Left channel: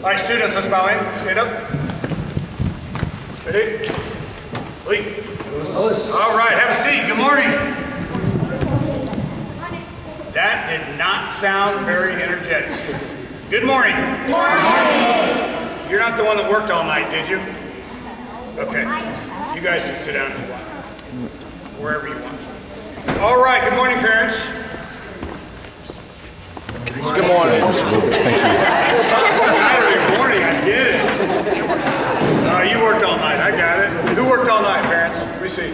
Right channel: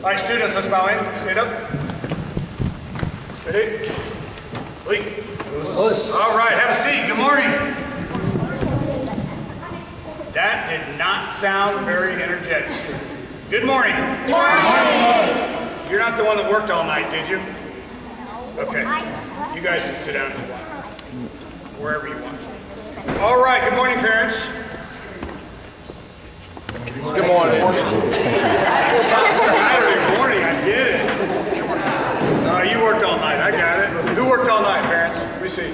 All right, students, let's bow in. Stand up. Ready? Wait. All right, have a seat. Good morning. That did not sound very energetic. Good morning. Good morning. You're not the one that worked all night, did you? Okay. You guys can sit down if you want. Wherever you want. All right, good morning, parents. Good morning. Saturday morning, I get it. You worked all night, I got it. Who worked all night, parents? Let me see.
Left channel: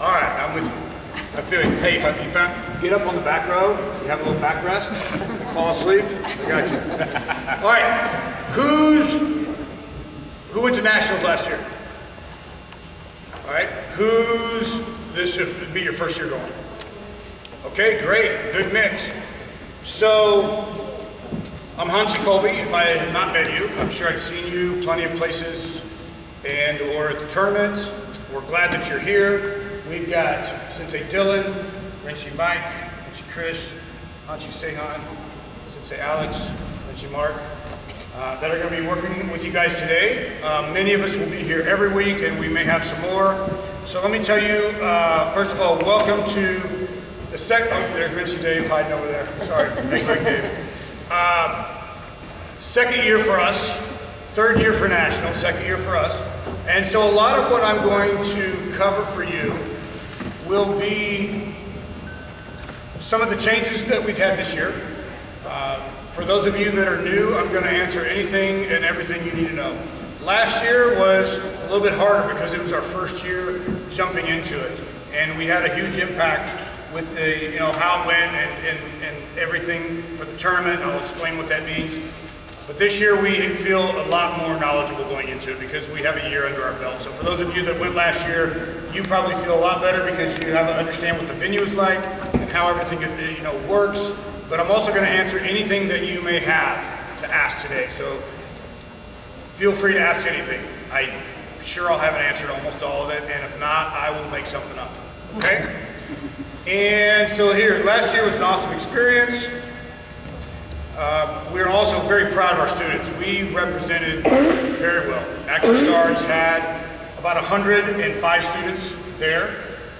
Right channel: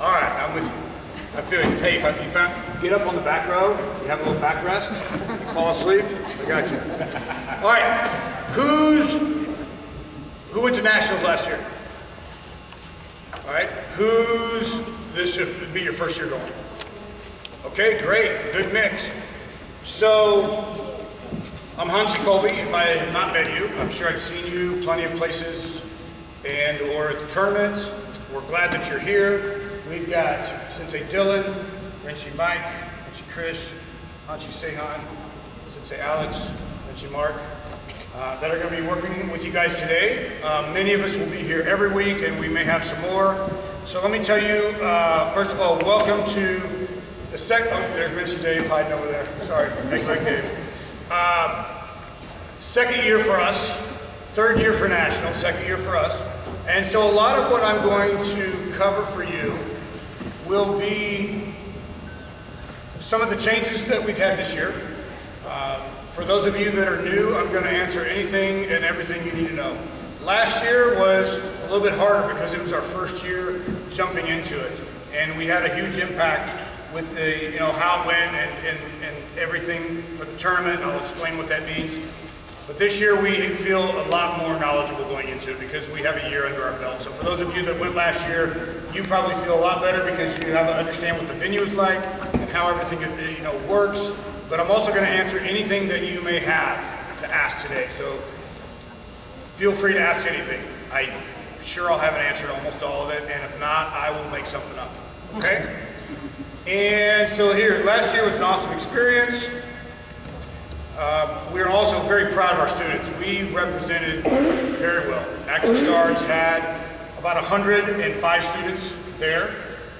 All right, I'm with you. I feel you. Hey, if you get up on the back row, you have a little back rest, you fall asleep, I got you. All right, who went to Nationals last year? All right, this should be your first year going. Okay, great, good mix. So, I'm Hansi Colby. If I have not met you, I'm sure I've seen you plenty of places and or at the tournament. We're glad that you're here. We've got Sensei Dylan, Renshi Mike, Renshi Chris, Hansi Sehan, Sensei Alex, Renshi Mark, that are going to be working with you guys today. Many of us will be here every week, and we may have some more. So let me tell you, first of all, welcome to the second. Oh, there's Renshi Dave hiding over there. Sorry, hey, Greg Dave. Second year for us, third year for National, second year for us. And so a lot of what I'm going to cover for you will be some of the changes that we've had this year. For those of you that are new, I'm going to answer anything and everything you need to know. Last year was a little bit harder because it was our first year jumping into it. And we had a huge impact with the, how it went and everything for the tournament. I'll explain what that means. But this year we feel a lot more knowledgeable going into it because we have a year under our belt. So for those of you that went last year, you probably feel a lot better because you have to understand what the venue is like and how everything works. But I'm also going to answer anything that you may have to ask today. So feel free to ask anything. I'm sure I'll have an answer to almost all of it, and if not, I will make something up. Okay? And so here, last year was an awesome experience. We are also very proud of our students. We represented very well. ActivStars had about 105 students there.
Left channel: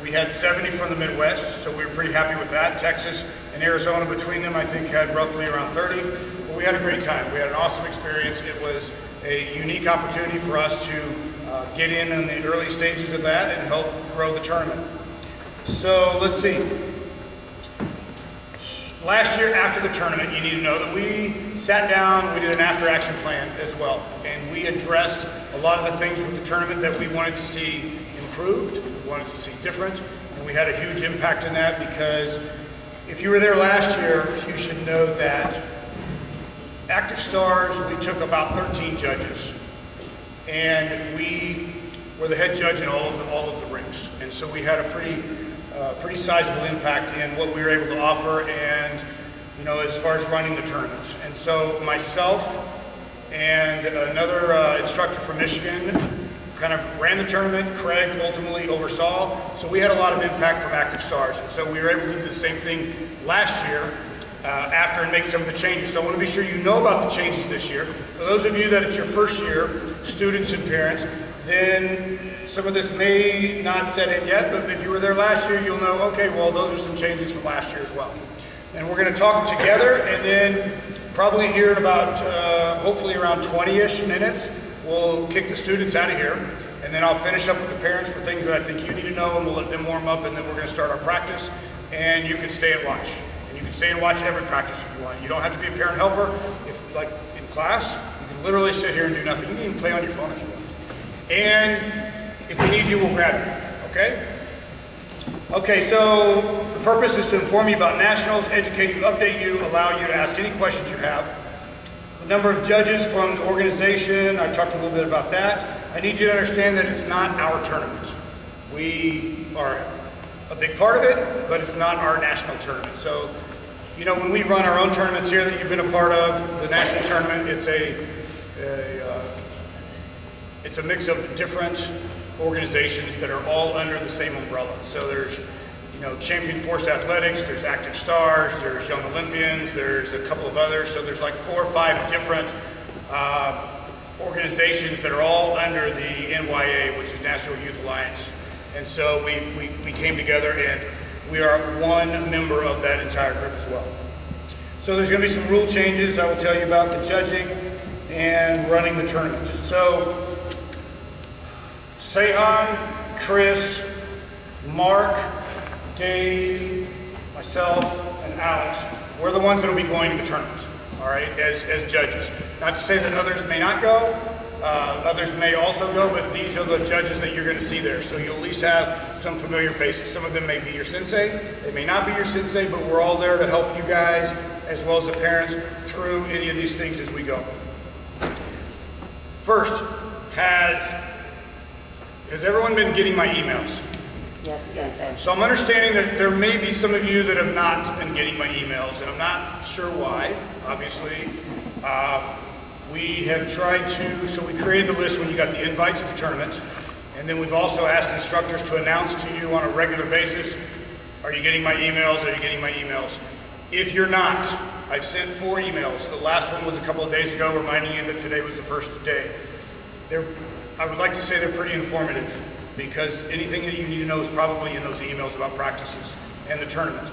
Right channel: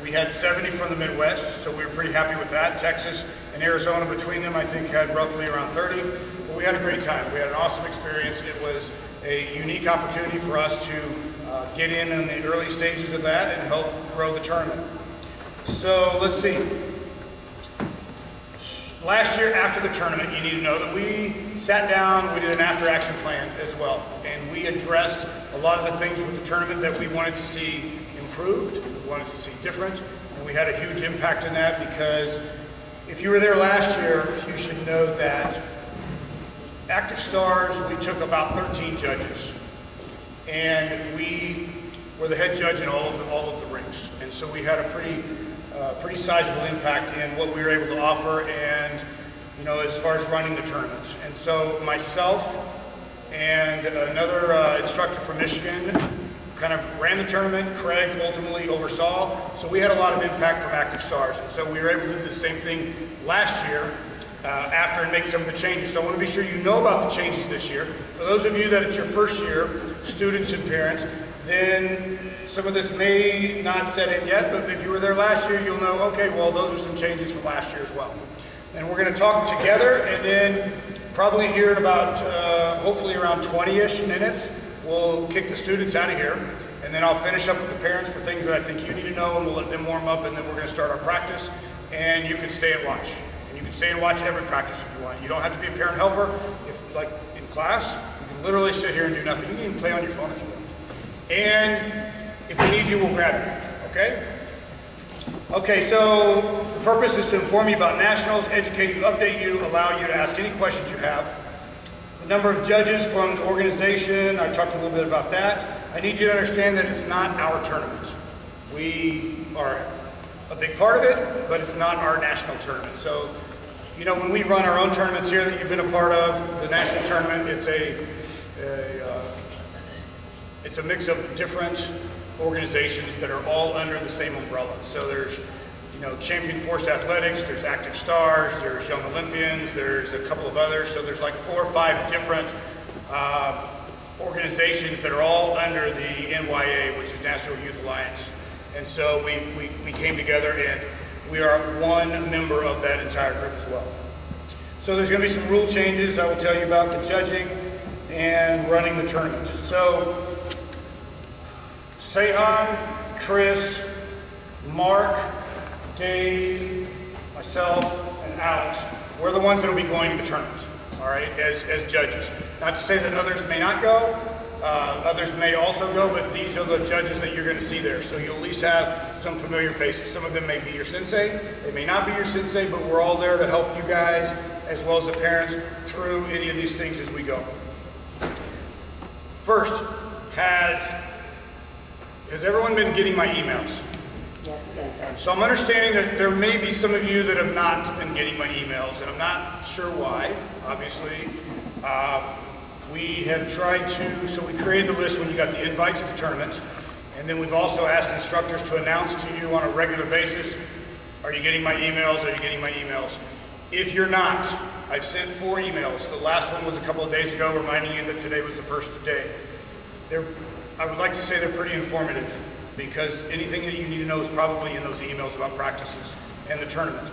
We had 70 from the Midwest, so we were pretty happy with that. Texas and Arizona between them, I think, had roughly around 30. But we had a great time. We had an awesome experience. It was a unique opportunity for us to get in the early stages of that and help grow the tournament. So let's see. Last year after the tournament, you need to know that we sat down, we did an after-action plan as well, and we addressed a lot of the things with the tournament that we wanted to see improved, we wanted to see different, and we had a huge impact in that because if you were there last year, you should know that ActivStars, we took about 13 judges, and we were the head judge in all of the rinks, and so we had a pretty sizable impact in what we were able to offer and, as far as running the tournament. And so myself and another instructor from Michigan kind of ran the tournament. Craig ultimately oversaw. So we had a lot of impact from ActivStars. And so we were able to do the same thing last year after and make some of the changes. So I want to be sure you know about the changes this year. For those of you that it's your first year, students and parents, then some of this may not set in yet, but if you were there last year, you'll know, okay, well, those are some changes from last year as well. And we're going to talk together, and then probably here in about, hopefully around 20-ish minutes, we'll kick the students out of here, and then I'll finish up with the parents for things that I think you need to know, and we'll let them warm up, and then we're going to start our practice, and you can stay and watch. And you can stay and watch every practice if you want. You don't have to be a parent helper. If, like in class, you can literally sit here and do nothing. You can even play on your phone if you want. And if we need you, we'll grab you, okay? Okay, so the purpose is to inform you about Nationals, educate you, update you, allow you to ask any questions you have. The number of judges from the organization, I talked a little bit about that. I need you to understand that it's not our tournament. We are a big part of it, but it's not our national tournament. So, when we run our own tournaments here that you've been a part of, the national tournament, it's a mix of different organizations that are all under the same umbrella. So there's, Champion Force Athletics, there's ActivStars, there's Young Olympians, there's a couple of others. So there's like 4 or 5 different organizations that are all under the NYA, which is National Youth Alliance. And so we came together, and we are one member of that entire group as well. So there's going to be some rule changes. I will tell you about the judging and running the tournament. So Sehan, Chris, Mark, Dave, myself, and Alex, we're the ones that will be going to the tournament, all right, as judges. Not to say that others may not go, others may also go, but these are the judges that you're going to see there. So you'll at least have some familiar faces. Some of them may be your sensei, they may not be your sensei, but we're all there to help you guys, as well as the parents, through any of these things as we go. First, has everyone been getting my emails? Yes. So I'm understanding that there may be some of you that have not been getting my emails, and I'm not sure why, obviously. We have tried to, so we created the list when you got the invite to the tournament, and then we've also asked instructors to announce to you on a regular basis, are you getting my emails, are you getting my emails? If you're not, I've sent 4 emails. The last one was a couple of days ago, reminding you that today was the first day. I would like to say they're pretty informative, because anything that you need to know is probably in those emails about practices and the tournament.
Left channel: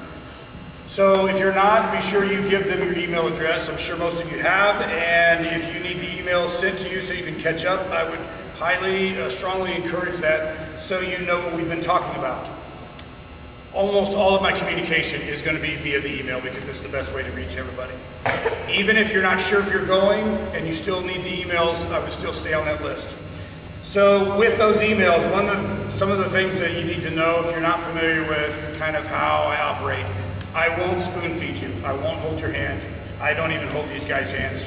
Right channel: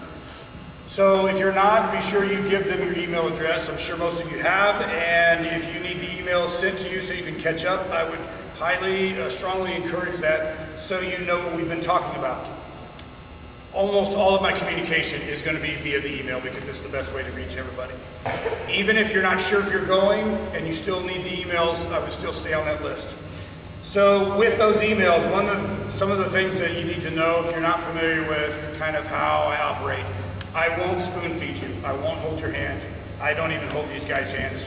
So if you're not, be sure you give them your email address. I'm sure most of you have, and if you need the emails sent to you so you can catch up, I would highly, strongly encourage that so you know what we've been talking about. Almost all of my communication is going to be via the email because it's the best way to reach everybody. Even if you're not sure if you're going and you still need the emails, I would still stay on that list. So with those emails, some of the things that you need to know if you're not familiar with kind of how I operate. I won't spoon feed you. I won't hold your hand. I don't even hold these guys' hands.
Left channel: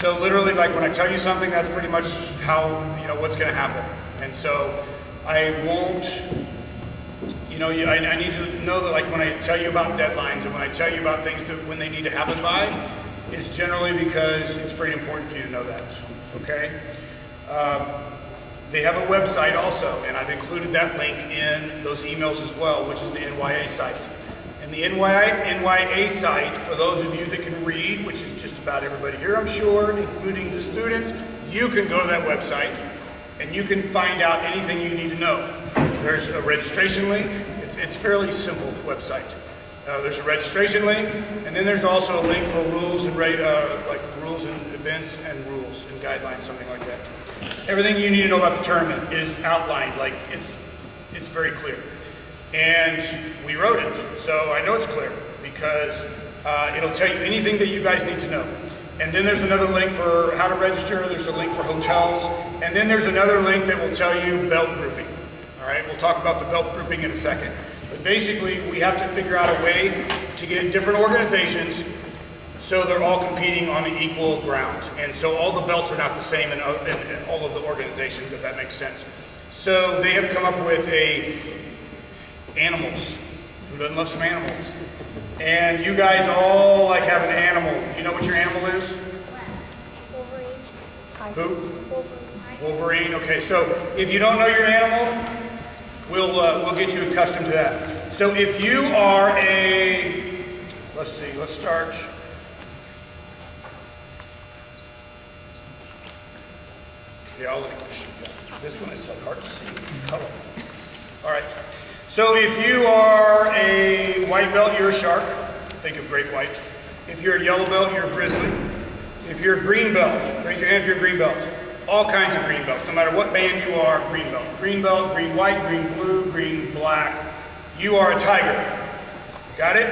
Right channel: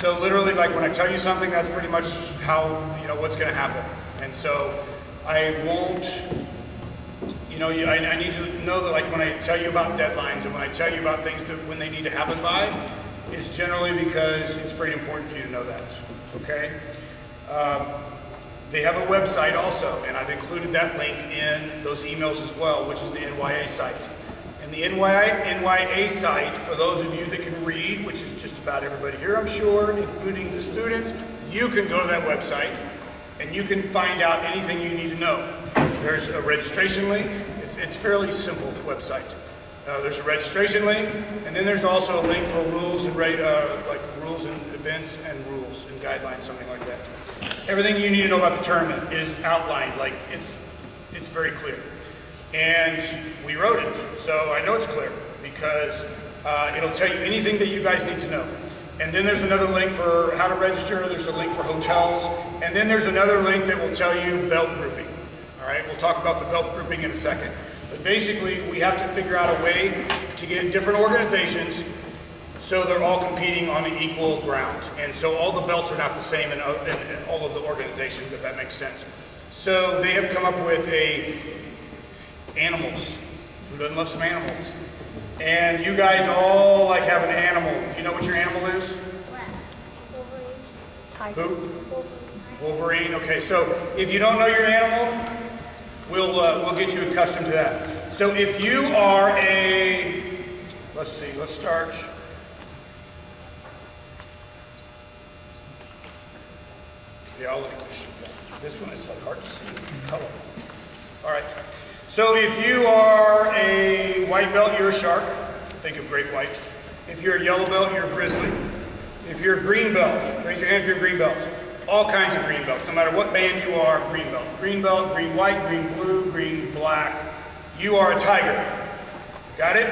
So literally, like when I tell you something, that's pretty much how, what's going to happen. And so I won't, I need to know that, like when I tell you about deadlines and when I tell you about things that when they need to happen by, it's generally because it's pretty important for you to know that, okay? They have a website also, and I've included that link in those emails as well, which is the NYA site. And the NYA site, for those of you that can read, which is just about everybody here, I'm sure, including the students, you can go to that website and you can find out anything you need to know. There's a registration link. It's fairly simple, the website. There's a registration link, and then there's also a link for rules and like rules and events and rules and guidelines, something like that. Everything you need to know about the tournament is outlined, like it's very clear. And we wrote it, so I know it's clear because it'll tell you anything that you guys need to know. And then there's another link for how to register, there's a link for hotels, and then there's another link that will tell you belt grouping. All right, we'll talk about the belt grouping in a second. But basically, we have to figure out a way to get different organizations so they're all competing on an equal ground. And so all the belts are not the same in all of the organizations, if that makes sense. So they have come up with animals. Who doesn't love some animals? And you guys all like have an animal. You know what your animal is? Wolverine. Who? Wolverine. Okay, so if you don't know your animal, we'll get you accustomed to that. So if you are let's start. Yeah, I'll look at this one. It's like hard to see the color. All right. So if you are a white belt, you're a shark. Think of great white. If you're a yellow belt, you're a grizzly. If you're a green belt, raise your hand if you're a green belt. All kinds of green belts. No matter what band you are, green belt. Green belt, green white, green blue, green black. You are a tiger. Got it?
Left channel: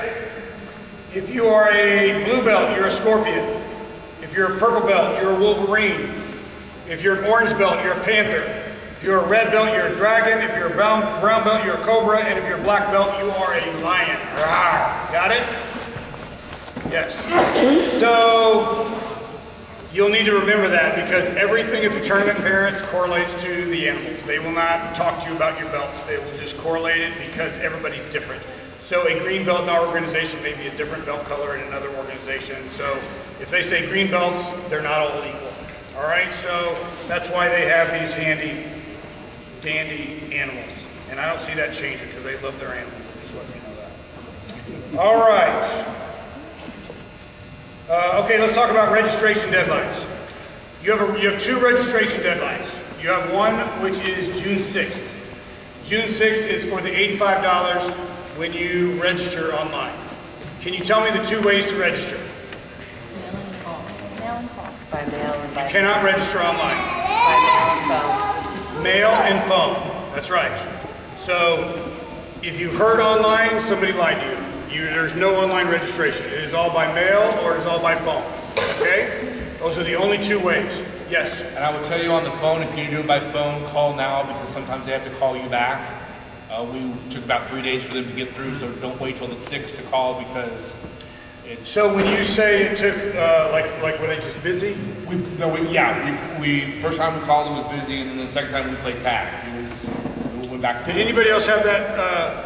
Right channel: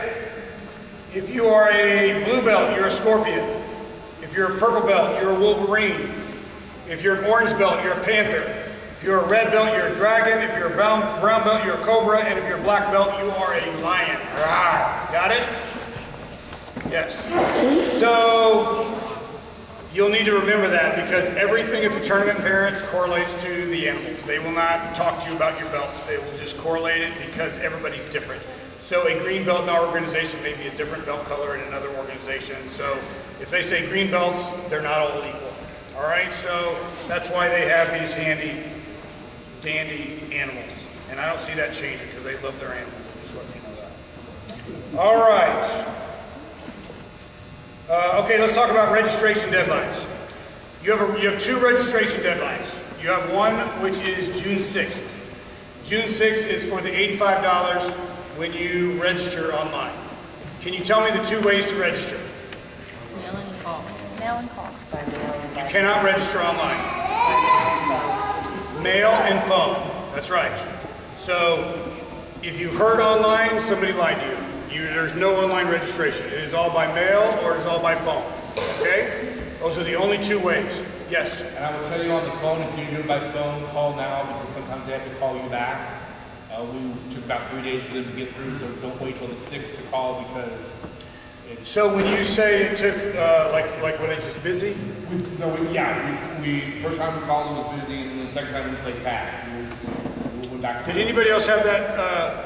If you are a blue belt, you're a scorpion. If you're a purple belt, you're a wolverine. If you're an orange belt, you're a panther. If you're a red belt, you're a dragon. If you're a brown belt, you're a cobra. And if you're a black belt, you are a lion. Rawr. Got it? Yes. So you'll need to remember that because everything at the tournament, parents, correlates to the animals. They will not talk to you about your belts. They will just correlate it because everybody's different. So a green belt in our organization may be a different belt color in another organization. So if they say green belts, they're not all equal. All right, so that's why they have these handy, dandy animals. And I don't see that changing because they love their animals. I'm just letting you know that. All right. Okay, let's talk about registration deadlines. You have two registration deadlines. You have one which is June 6th. June 6th is for the $85 when you register online. Can you tell me the two ways to register? Mail and call. Mail and call. By mail and by You cannot register online. phone. Mail and phone, that's right. So if you heard online, somebody lied to you. There's no online registration. It is all by mail or it is all by phone, okay? Those are the only two ways. Yes? And I will tell you on the phone, if you do it by phone, call now because sometimes they have to call you back. We took about 3 days for them to get through, so don't wait till the 6th to call because it's... So when you say it took, like were they just busy? We first time we called, it was busy, and then the second time we played tag. We went back to... Did anybody else have that,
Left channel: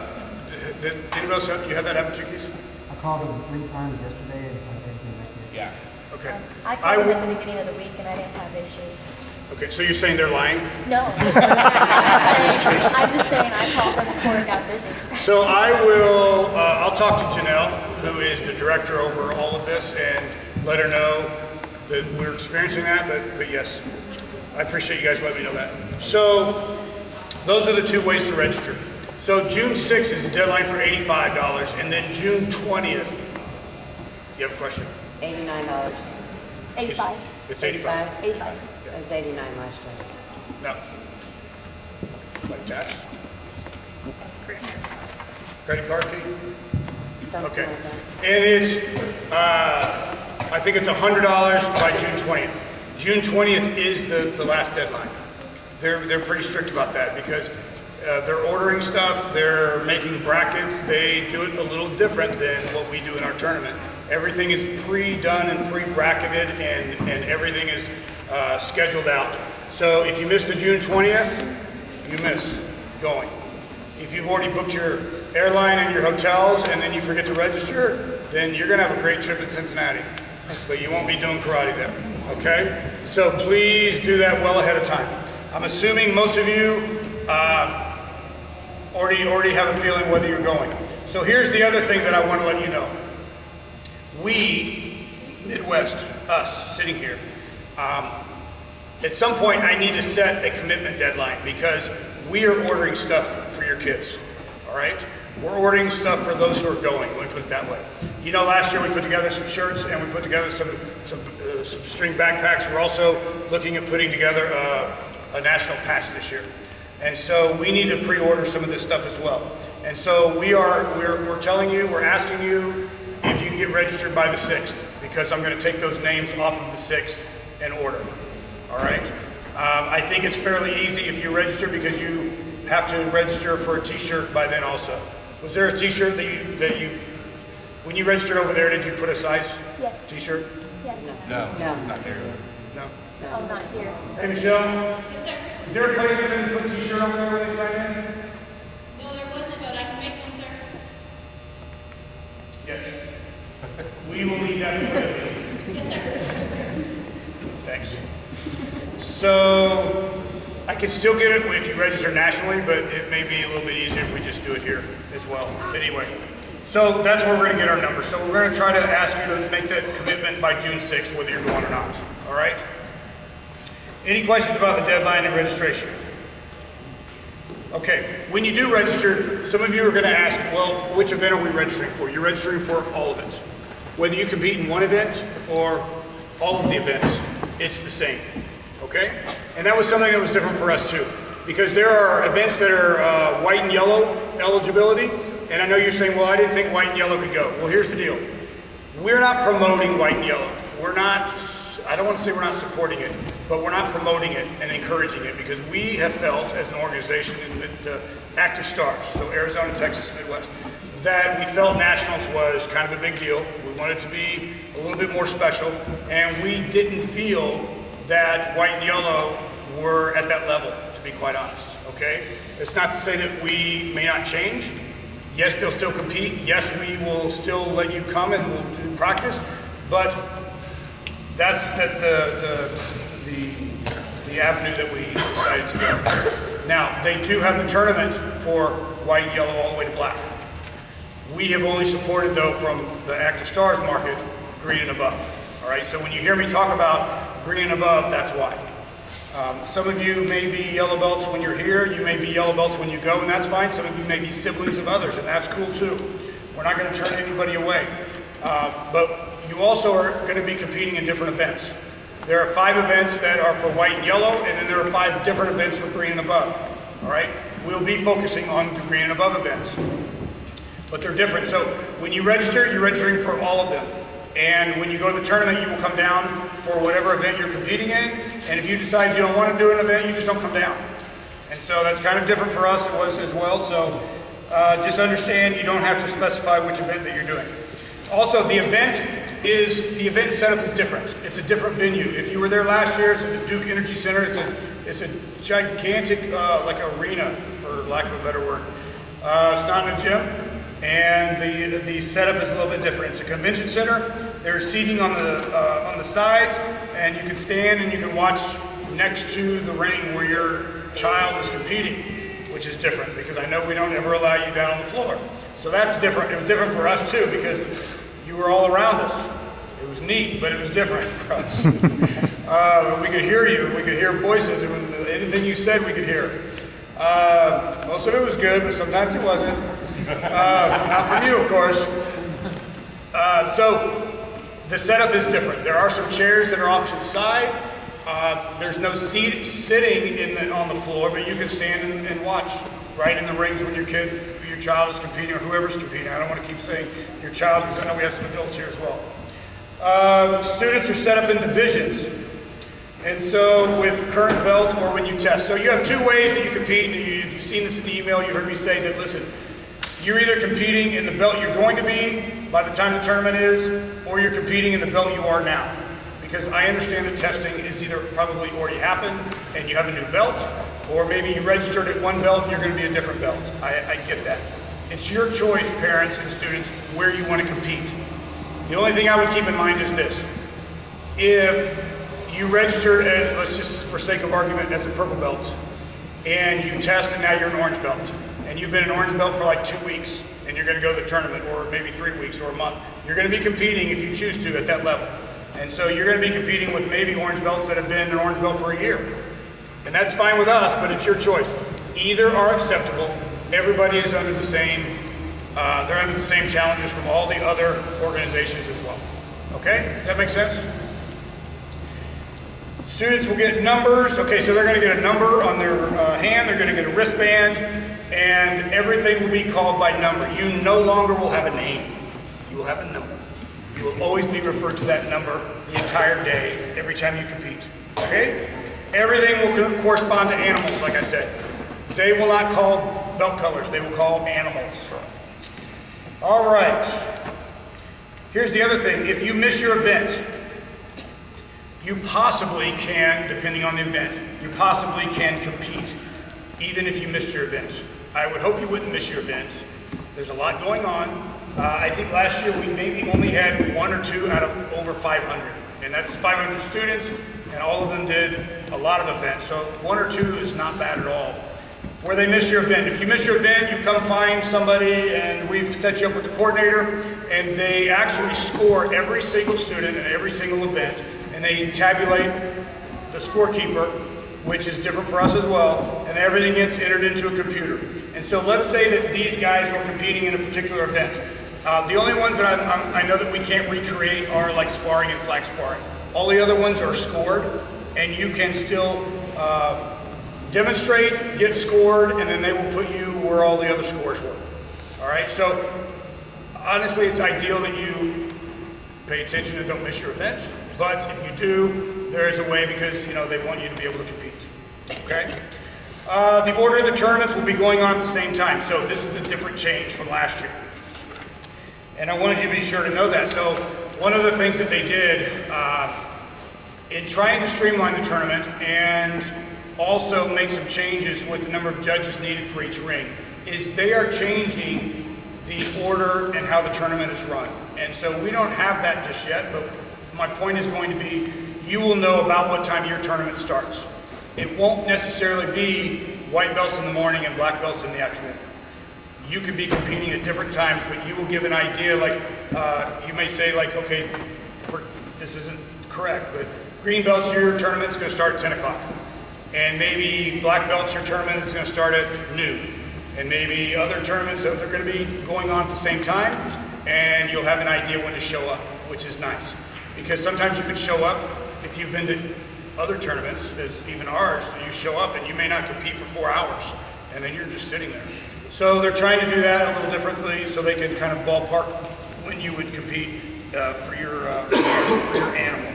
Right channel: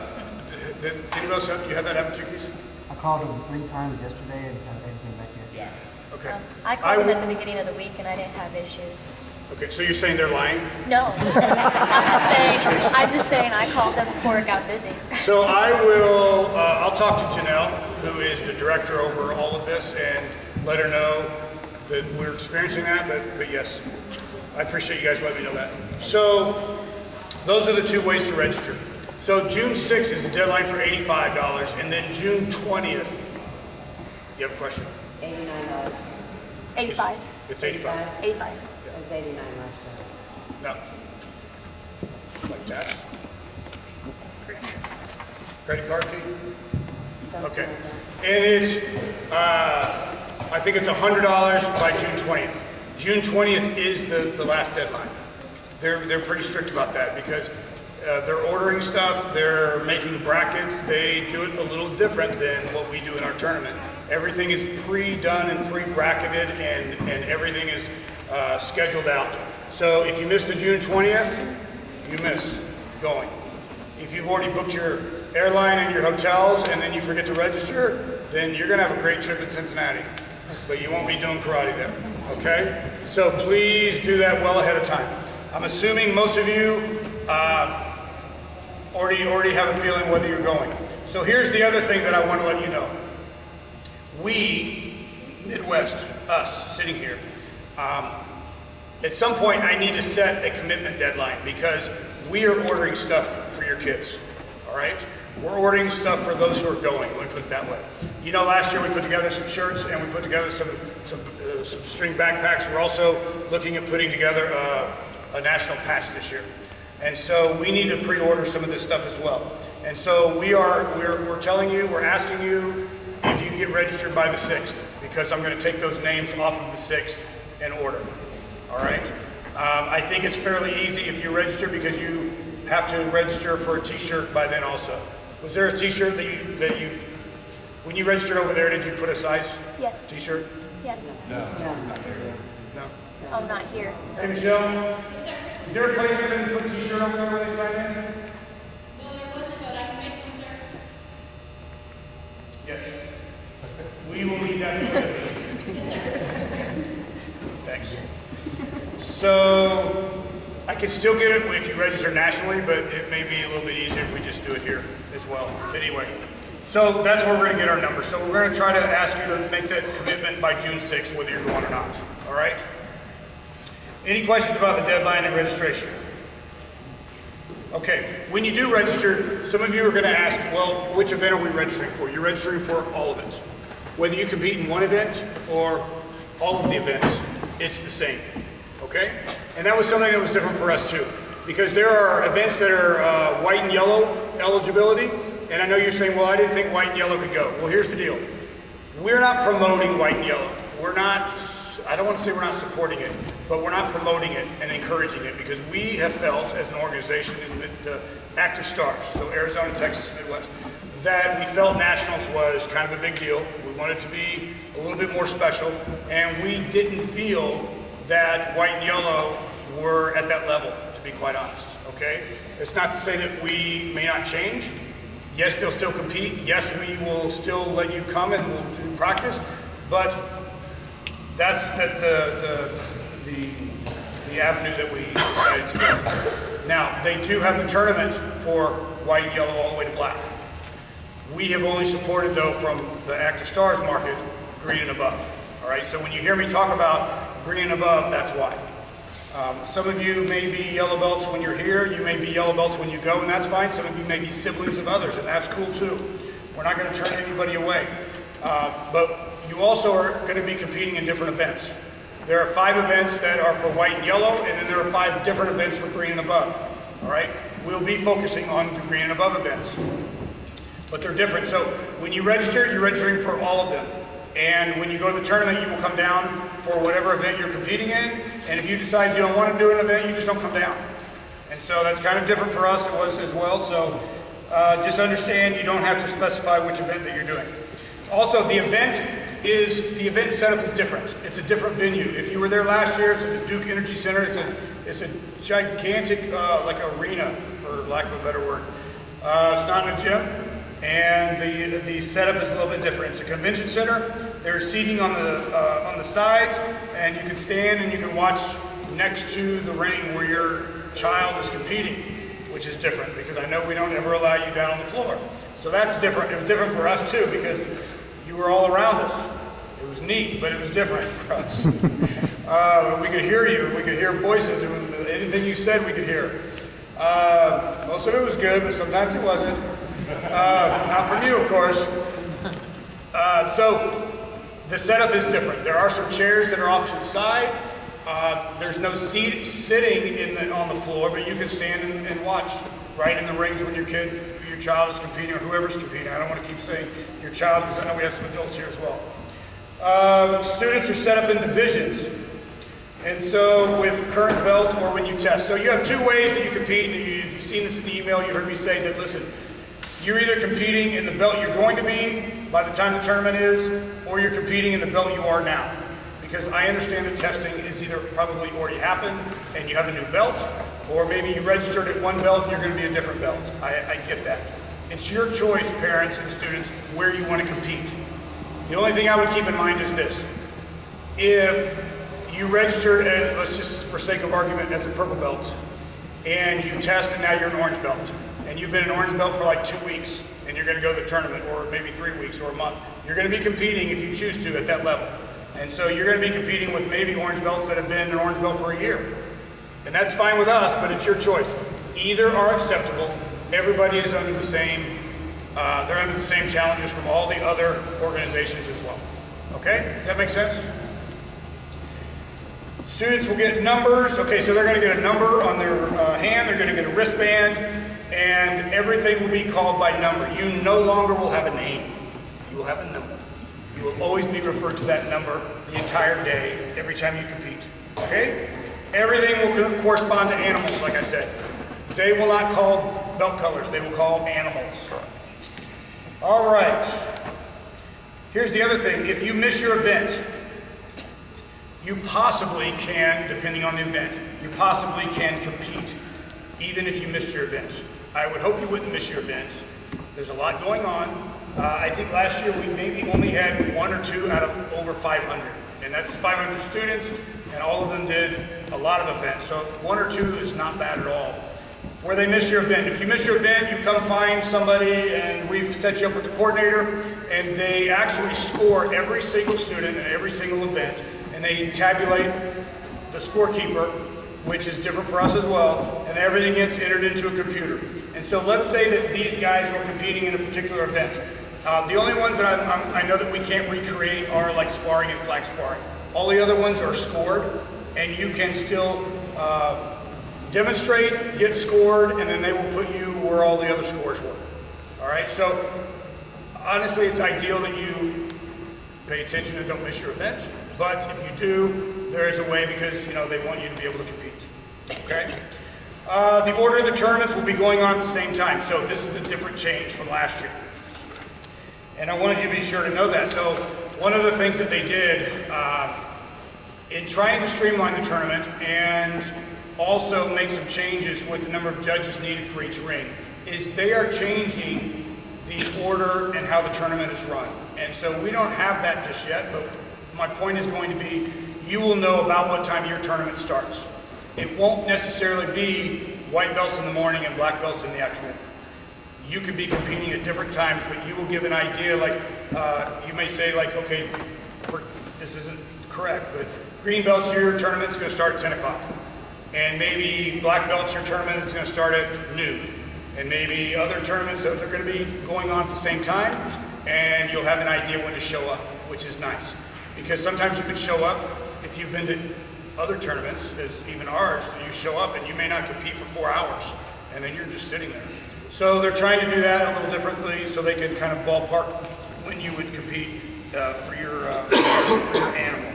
did anybody else you had that happen to you, Keith? I called them 3 times yesterday and I didn't get back yet. Yeah. Okay. I called them at the beginning of the week and I didn't have issues. Okay, so you're saying they're lying? No. I'm just saying I called them before it got busy. So I'll talk to Janelle, who is the director over all of this, and let her know that we're experiencing that, but yes, I appreciate you guys letting me know that. So those are the two ways to register. So June 6th is the deadline for $85, and then June 20th, you have a question? $89. 85. It's 85. 85. It was 89 last year. No. Like that? Credit card fee? Something Okay. like that. And it's, I think it's $100 by June 20th. June 20th is the last deadline. They're pretty strict about that because they're ordering stuff, they're making brackets, they do it a little different than what we do in our tournament. Everything is pre-done and pre-bracketed and everything is scheduled out. So if you miss the June 20th, you miss going. If you've already booked your airline and your hotels and then you forget to register, then you're gonna have a great trip in Cincinnati, but you won't be doing karate there, okay? So please do that well ahead of time. I'm assuming most of you already have a feeling whether you're going. So here's the other thing that I want to let you know. We, Midwest, us sitting here, at some point I need to set a commitment deadline because we are ordering stuff for your kids, all right? We're ordering stuff for those who are going, let me put it that way. You know, last year we put together some shirts and we put together some string backpacks. We're also looking at putting together a national patch this year. And so we need to pre-order some of this stuff as well. And so we're telling you, we're asking you if you can get registered by the 6th, because I'm gonna take those names off of the 6th and order, all right? I think it's fairly easy if you register because you have to register for a t-shirt by then also. Was there a t-shirt that you, when you registered over there, did you put a size Yes. t-shirt? Yes. No, No. not there. No. Oh, not here. Hey, Michelle? Is there a place you can put a t-shirt over there where they sign in? No, there wasn't, but I can make one, sir. Yes. We will need that. Thanks. So, I can still get it if you register nationally, but it may be a little bit easier if we just do it here as well. Anyway, so that's where we're going to get our numbers. So we're going to try to ask you to make that commitment by June 6th, whether you're going or not. All right? Any questions about the deadline and registration? Okay, when you do register, some of you are going to ask, well, which event are we registering for? You're registering for all of it. Whether you compete in one event or all of the events, it's the same, okay? And that was something that was different for us too, because there are events that are white and yellow eligibility, and I know you're saying, well, I didn't think white and yellow could go. Well, here's the deal. We're not promoting white and yellow. We're not, I don't want to say we're not supporting it, but we're not promoting it and encouraging it because we have felt as an organization in the ActivStars, so Arizona, Texas, Midwest, that we felt nationals was kind of a big deal. We wanted to be a little bit more special, and we didn't feel that white and yellow were at that level, to be quite honest, okay? It's not to say that we may not change. Yes, they'll still compete. Yes, we will still let you come and we'll do practice, but that's the avenue that we decided to go. Now, they do have the tournament for white and yellow all the way to black. We have only supported, though, from the ActivStars market, green and above. All right, so when you hear me talk about green and above, that's why. Some of you may be yellow belts when you're here, you may be yellow belts when you go, and that's fine. Some of you may be siblings of others, and that's cool too. We're not going to turn anybody away. But you also are going to be competing in different events. There are 5 events that are for white and yellow, and then there are 5 different events for green and above. All right? We'll be focusing on the green and above events. But they're different. So when you register, you're registering for all of them. And when you go to the tournament, you will come down for whatever event you're competing in. And if you decide you don't want to do an event, you just don't come down. And so that's kind of different for us. It was as well. So just understand you don't have to specify which event that you're doing. Also, the event setup is different. It's a different venue. If you were there last year, it's at the Duke Energy Center. It's a gigantic like arena, for lack of a better word. It's not in a gym. And the setup is a little bit different. It's a convention center. There's seating on the sides, and you can stand and you can watch next to the ring where your child is competing, which is different because I know we don't ever allow you down on the floor. So that's different. It was different for us too because you were all around us. It was neat, but it was different for us. We could hear you. We could hear voices. Anything you said, we could hear. Most of it was good, but sometimes it wasn't. Not from you, of course. So the setup is different. There are some chairs that are off to the side. There's no sitting on the floor, but you can stand and watch right in the rings when your child is competing or whoever's competing. I don't want to keep saying your child because I know we have some adults here as well. Students are set up in divisions. And so with current belt or when you test. So you have 2 ways that you compete. And if you've seen this in the email, you heard me say that, listen, you're either competing in the belt you're going to be by the time the tournament is, or you're competing in the belt you are now. Because I understand that testing is either probably already happened and you have a new belt, or maybe you registered at one belt and you're going to be a different belt. I get that. It's your choice, parents and students, where you want to compete. The only thing I would keep in mind is this. If you registered as, let's just for sake of argument, as a purple belt, and you test and now you're an orange belt, and you've been an orange belt for like 2 weeks, and you're going to go to the tournament, or maybe 3 weeks or a month, you're going to be competing if you choose to at that level. And so you're going to be competing with maybe orange belts that have been an orange belt for a year. And that's fine with us, but it's your choice. Either are acceptable. Everybody is under the same, they're under the same challenges from all the other organizations as well. Okay, does that make sense? Students will get numbers. Okay, so they're going to get a number on their hand, they're going to get a wristband, and everything will be called by number. You no longer will have a name. You will have a number. You will always be referred to that number the entire day, every time you compete. Okay? Everything will correspond to animals, like I said. They will not call belt colors. They will call animals. All right. Here's the other thing. If you miss your event, you possibly can, depending on the event, you possibly can compete, even if you missed your event. I would hope you wouldn't miss your event. There's a lot going on. I think last year we maybe only had 1 or 2 out of over 500. And that's 500 students, and all of them did a lot of events. So 1 or 2 is not bad at all. Where they miss your event. If you miss your event, you come find somebody, and we've set you up with the coordinator, and they actually score every single student in every single event, and they tabulate the scorekeeper, which is different for us as well, and everything gets entered into a computer. And so let's say that these guys were competing in a particular event. The only ones that I know that we can't recreate are like sparring and flag sparring. All the other ones are scored, and you can still demonstrate, get scored, and then they will put you where all the other scores were. All right, so honestly, it's ideal that you pay attention and don't miss your event, but if you do, there is a way because, you know, they want you to be able to compete, okay? The order of the tournaments will be going on at the same time, so this is a different change from last year. And I wanted you to be sure to know that. So one of the things that they did in trying to streamline the tournament and also make some changes with the number of judges needed for each ring is they are changing the order and how the tournament is run. And so we don't have that just yet, but my point is going to be you will know about what time your tournament starts. It won't necessarily be white belts in the morning and black belts in the afternoon. You could be competing at different times, but you will give an idea, like you may say, like, okay, for this isn't correct, but green belts, your tournament's gonna start at 10 o'clock. And maybe black belts, your tournament is gonna start at noon. And maybe other tournaments, they're gonna be going on at the same time, and you'll have an idea when to show up, which is nice. Because sometimes you could show up, if you've been to other tournaments, as even ours, you show up and you may not compete for 4 hours, and then you're just sitting there. So they're trying to do that a little differently so they can kind of ballpark when you would compete for your animal.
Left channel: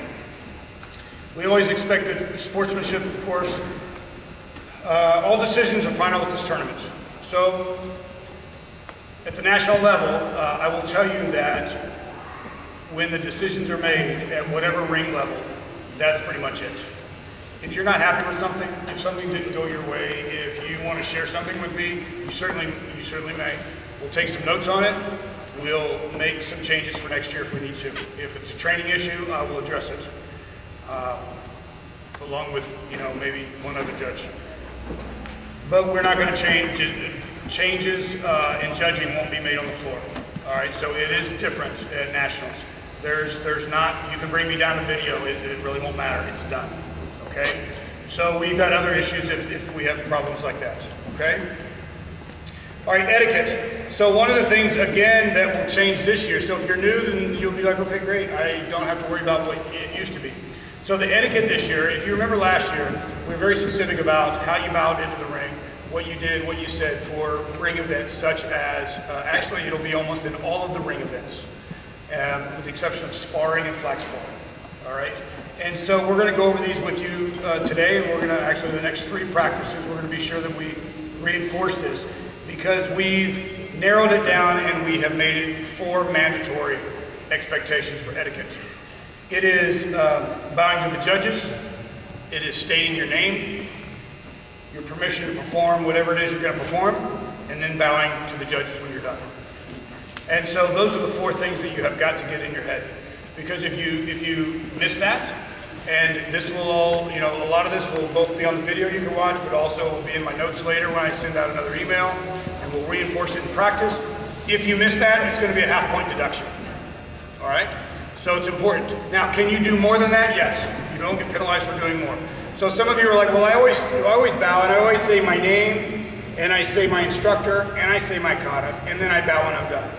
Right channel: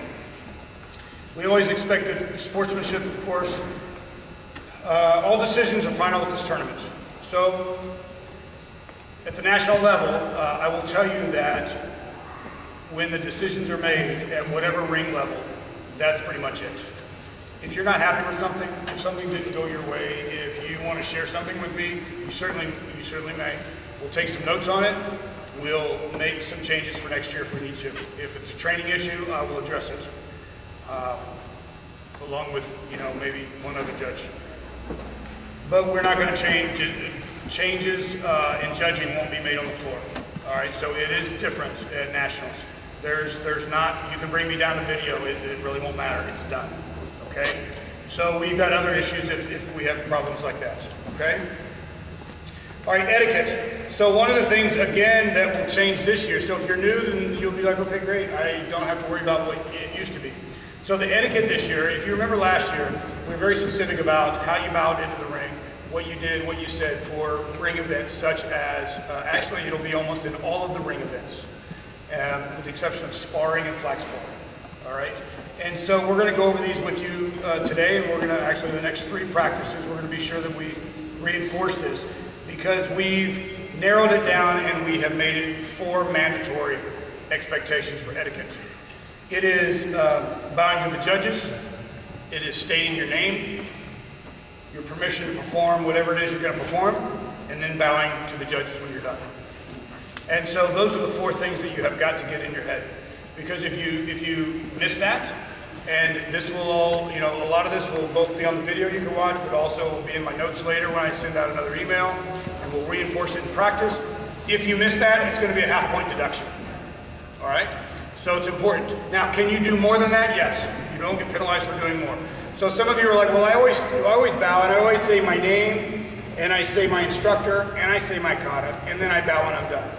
We always expect good sportsmanship, of course. All decisions are final at this tournament. So at the national level, I will tell you that when the decisions are made at whatever ring level, that's pretty much it. If you're not happy with something, if something didn't go your way, if you want to share something with me, you certainly may. We'll take some notes on it. We'll make some changes for next year if we need to. If it's a training issue, I will address it, along with, maybe one other judge. But we're not going to change it. Changes in judging won't be made on the floor. All right, so it is different at nationals. There's not, you can bring me down the video, it really won't matter, it's done, okay? So we've got other issues if we have problems like that, okay? All right, etiquette. So one of the things, again, that will change this year, so if you're new, then you'll be like, okay, great, I don't have to worry about what it used to be. So the etiquette this year, if you remember last year, we were very specific about how you bowed into the ring, what you did, what you said for ring events, such as, actually it'll be almost in all of the ring events, with the exception of sparring and flag sparring, all right? And so we're gonna go over these with you today, and we're gonna, actually the next 3 practices, we're gonna be sure that we reinforce this, because we've narrowed it down and we have made it 4 mandatory expectations for etiquette. It is bowing to the judges, it is stating your name, your permission to perform whatever it is you're going to perform, and then bowing to the judges when you're done. And so those are the 4 things that you have got to get in your head. Because if you miss that, and this will all, a lot of this will both be on the video you can watch, but also will be in my notes later when I send out another email, and we'll reinforce it in practice. If you miss that, it's going to be a half-point deduction. All right? So it's important. Now, can you do more than that? Yes. You don't get penalized for doing more. So some of you are like, well, I always bow, and I always say my name, and I say my instructor, and I say my kata, and then I bow when I'm done.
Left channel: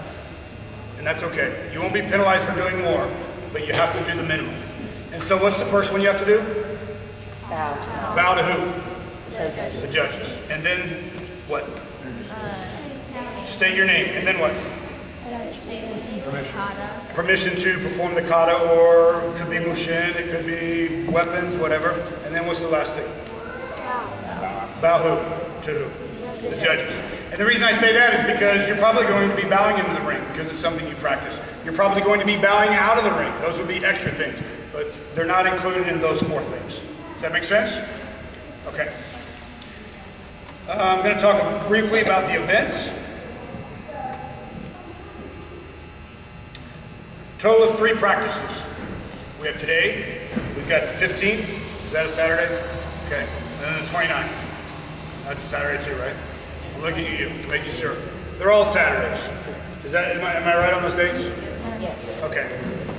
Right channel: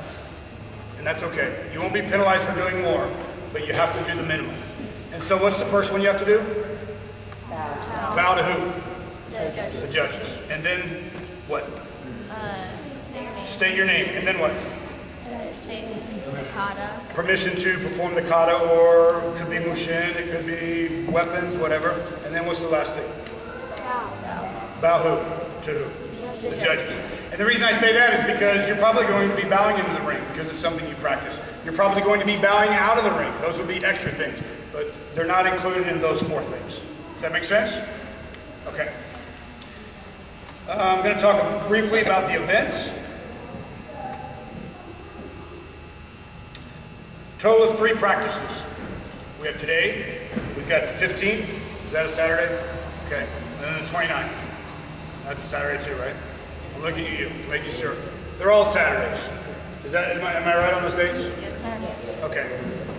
And that's okay. You won't be penalized for doing more, but you have to do the minimum. And so what's the first one you have to do? Bow. Bow to who? The judges. And then what? State your name. And then what? Permission to perform the kata, or it could be mushin, it could be weapons, whatever. And then what's the last thing? Bow who? To who? The judges. And the reason I say that is because you're probably going to be bowing into the ring because it's something you practice. You're probably going to be bowing out of the ring. Those would be extra things, but they're not included in those 4 things. Does that make sense? Okay. I'm going to talk briefly about the events. Total of 3 practices. We have today, we've got the 15th, is that a Saturday? Okay, and then the 29th. That's a Saturday too, right? I'm looking at you, making sure. They're all Saturdays. Am I right on those dates? Yes. Okay,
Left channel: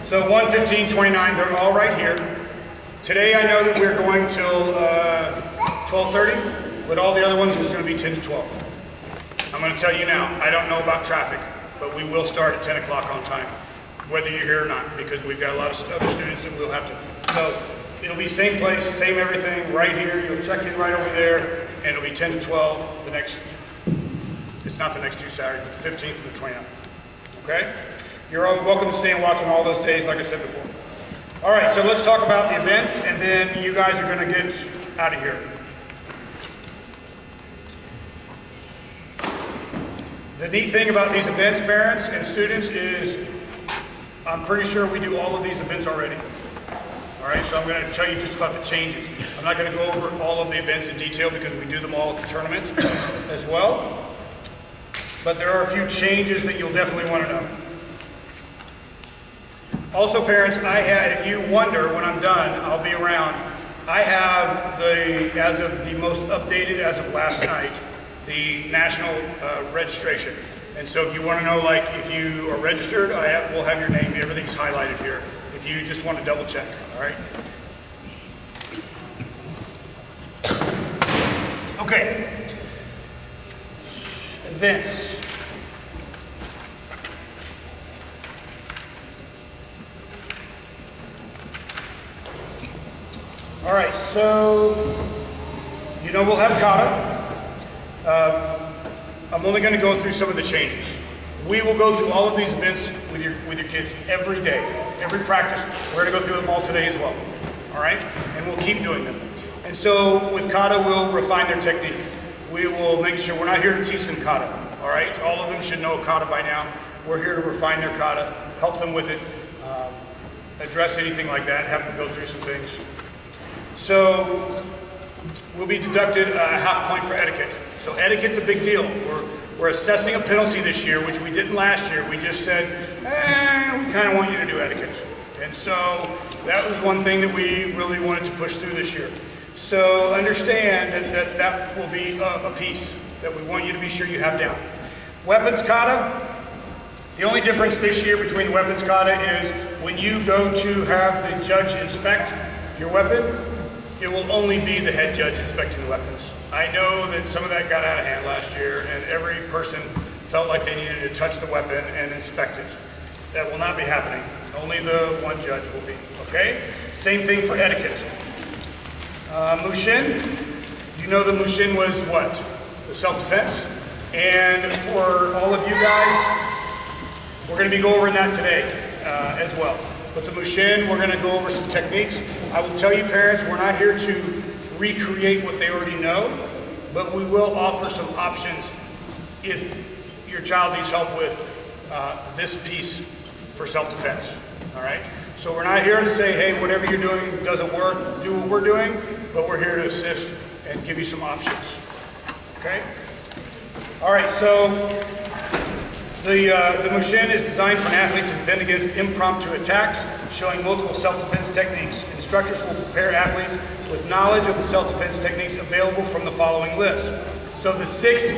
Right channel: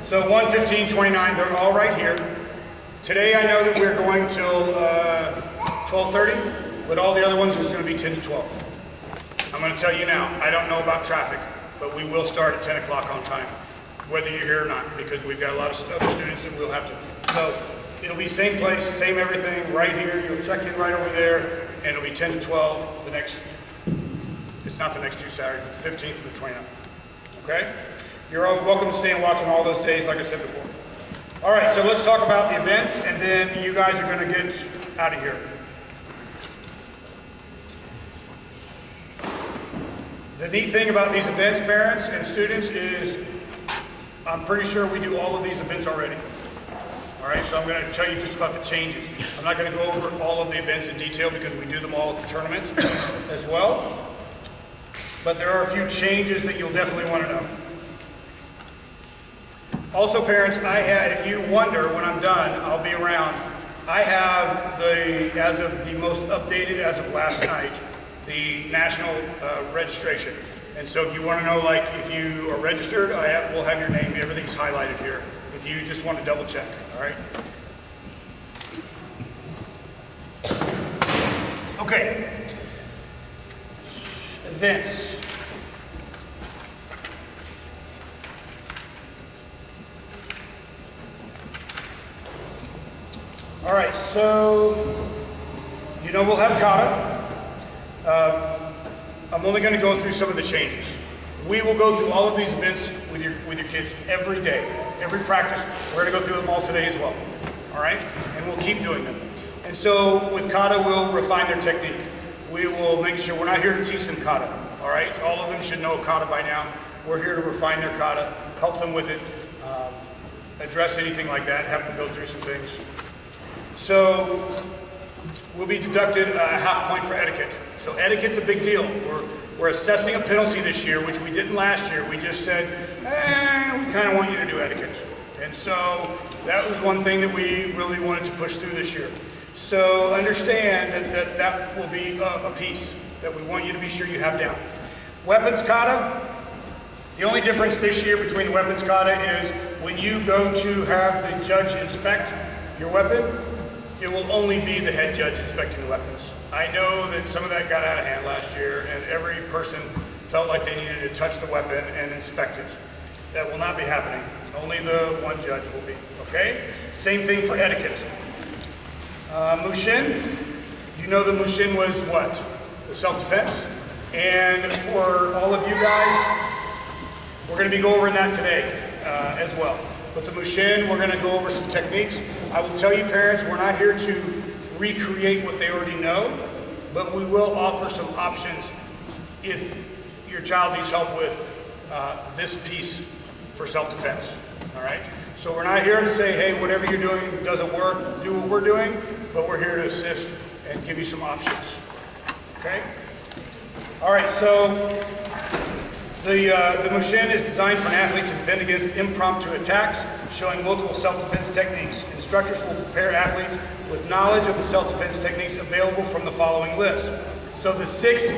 so 1, 15, 29, they're all right here. Today I know that we're going till 12:30, but all the other ones is going to be 10 to 12. I'm going to tell you now, I don't know about traffic, but we will start at 10 o'clock on time, whether you're here or not, because we've got a lot of other students that we'll have to. So it'll be same place, same everything, right here. You'll check in right over there, and it'll be 10 to 12 the next, it's not the next 2 Saturdays, but the 15th and the 29th. Okay? You're all welcome to stay and watch on all those days, like I said before. All right, so let's talk about the events, and then you guys are going to get out of here. The neat thing about these events, parents and students, is I'm pretty sure we do all of these events already. All right, so I'm going to tell you just about the changes. I'm not going to go over all of the events in detail because we do them all at the tournament as well. But there are a few changes that you'll definitely want to know. Also, parents, if you wonder when I'm done, I'll be around. I have as of the most updated, as of last night, the national registration. And so if you want to know, like, if you are registered, we'll have your name, everything's highlighted here. if you just want to double check, all right? Okay. Events. All right, so you know we'll have kata. I'm only going to go through some of the changes. We will go through all of these events with your kids every day, every practice. We're going to go through them all today as well. All right, and we'll keep doing them. And so with kata, we'll refine their technique. We will make sure we're not here to teach them kata. All right, all of them should know kata by now. We're here to refine their kata, help them with it, address anything like that, have them go through some things. So we'll be deducted a half point for etiquette. So etiquette's a big deal. We're assessing a penalty this year, which we didn't last year. We just said, we kind of want you to do etiquette. And so that was one thing that we really wanted to push through this year. So understand that will be a piece that we want you to be sure you have down. Weapons kata, the only difference this year between the weapons kata is when you go to have the judge inspect your weapon, it will only be the head judge inspecting the weapons. I know that some of that got out of hand last year and every person felt like they needed to touch the weapon and inspect it. That will not be happening. Only the one judge will be, okay? Same thing for etiquette. Mushin, you know the Mushin was what? The self-defense. And for all of you guys, we're going to be going over that today as well. But the Mushin, we're going to go over some techniques. I will tell you parents, we're not here to recreate what they already know, but we will offer some options if your child needs help with this piece for self-defense, all right? So we're not here to say, hey, whatever you're doing doesn't work, do what we're doing, but we're here to assist and give you some options, okay? All right, so the Mushin is designed for an athlete to defend against impromptu attacks, showing multiple self-defense techniques. Instructors will prepare athletes with knowledge of the self-defense techniques available from the following list. So the 6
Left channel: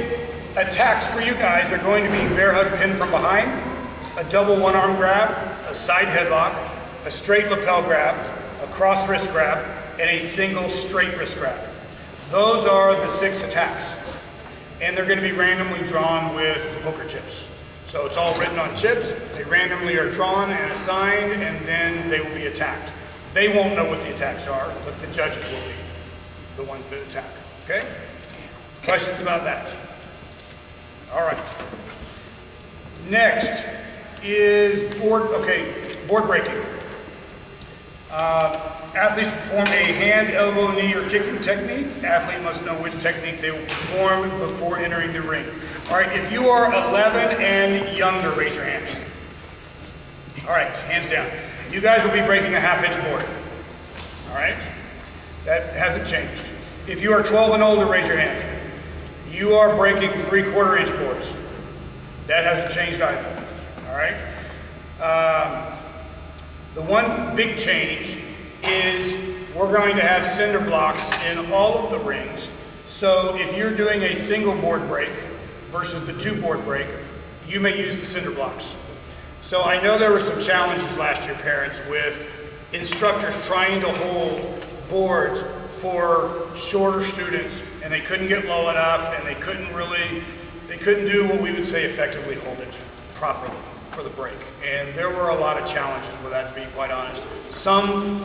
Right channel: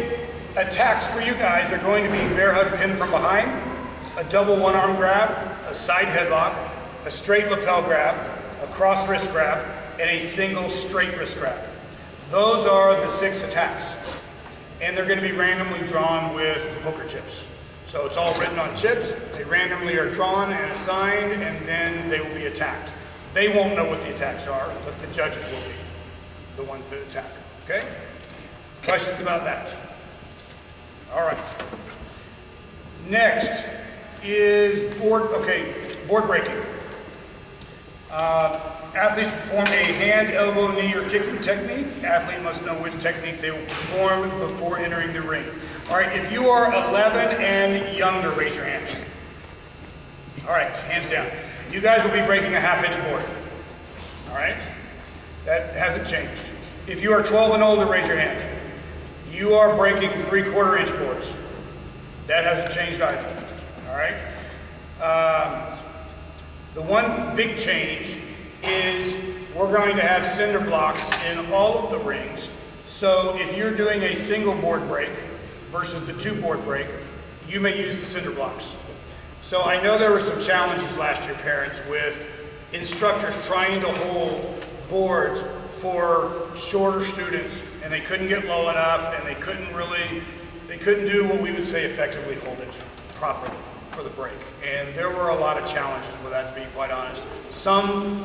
attacks for you guys are going to be bear hug pin from behind, a double one-arm grab, a side headlock, a straight lapel grab, a cross wrist grab, and a single straight wrist grab. Those are the 6 attacks. And they're going to be randomly drawn with poker chips. So it's all written on chips. They randomly are drawn and assigned, and then they will be attacked. They won't know what the attacks are, but the judges will be the ones that attack. Okay? Questions about that? All right. Next is board breaking. Athletes perform a hand, elbow, knee, or kicking technique. Athlete must know which technique they will perform before entering the ring. All right, if you are 11 and younger, raise your hand. All right, hands down. You guys will be breaking a half-inch board. All right? That hasn't changed. If you are 12 and older, raise your hand. You are breaking 3/4 inch boards. That hasn't changed either. All right? The one big change is we're going to have cinder blocks in all of the rings. So if you're doing a single board break versus the 2 board break, you may use the cinder blocks. So I know there were some challenges last year, parents, with instructors trying to hold boards for shorter students, and they couldn't get low enough, and they couldn't do what we would say effectively hold it properly for the break. And there were a lot of challenges with that, to be quite honest. Some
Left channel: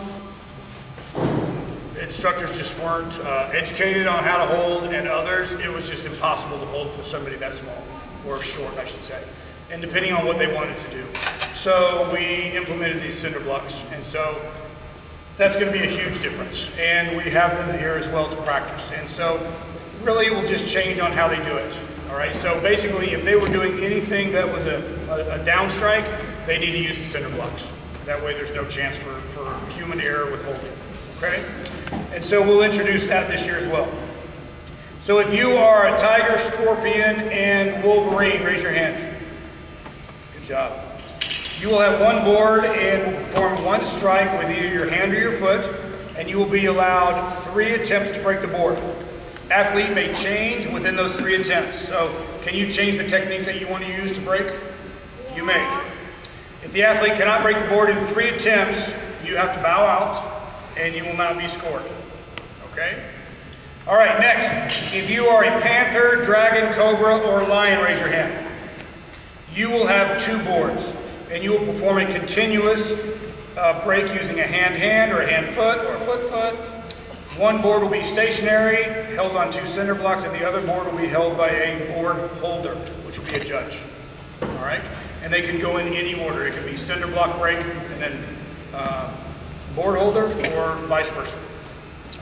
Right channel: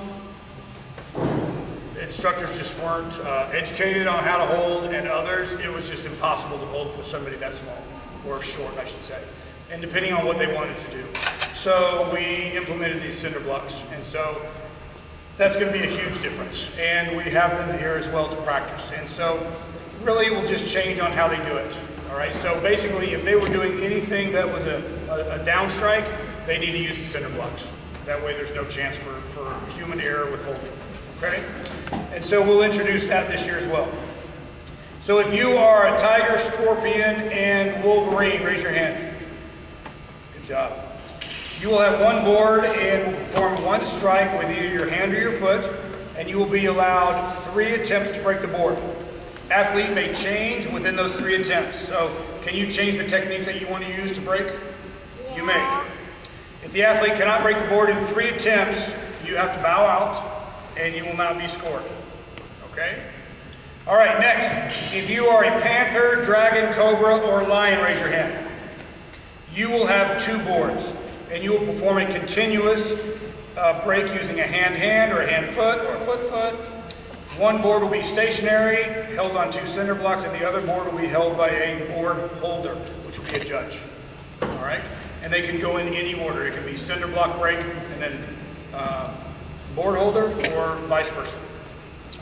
instructors just weren't educated on how to hold, and others, it was just impossible to hold for somebody that small, or short, I should say, and depending on what they wanted to do. So we implemented these cinder blocks, and so that's going to be a huge difference. And we have them here as well to practice. And so really it will just change on how they do it. All right, so basically if they were doing anything that was a down strike, they need to use the cinder blocks. That way there's no chance for human error with holding. Okay? And so we'll introduce that this year as well. So if you are a tiger, scorpion, and wolverine, raise your hand. Good job. You will have 1 board and will perform 1 strike with either your hand or your foot, and you will be allowed 3 attempts to break the board. Athlete may change within those 3 attempts. So can you change the technique that you want to use to break? You may. If the athlete cannot break the board in 3 attempts, you have to bow out and you will not be scored. Okay? All right, next. If you are a panther, dragon, cobra, or lion, raise your hand. You will have 2 boards, and you will perform a continuous break using a hand or a hand-foot or a foot-foot. One board will be stationary, held on 2 cinder blocks, and the other board will be held by a board holder, which will be a judge. All right? And they can go in any order. It can be cinder block break and then board holder or vice versa.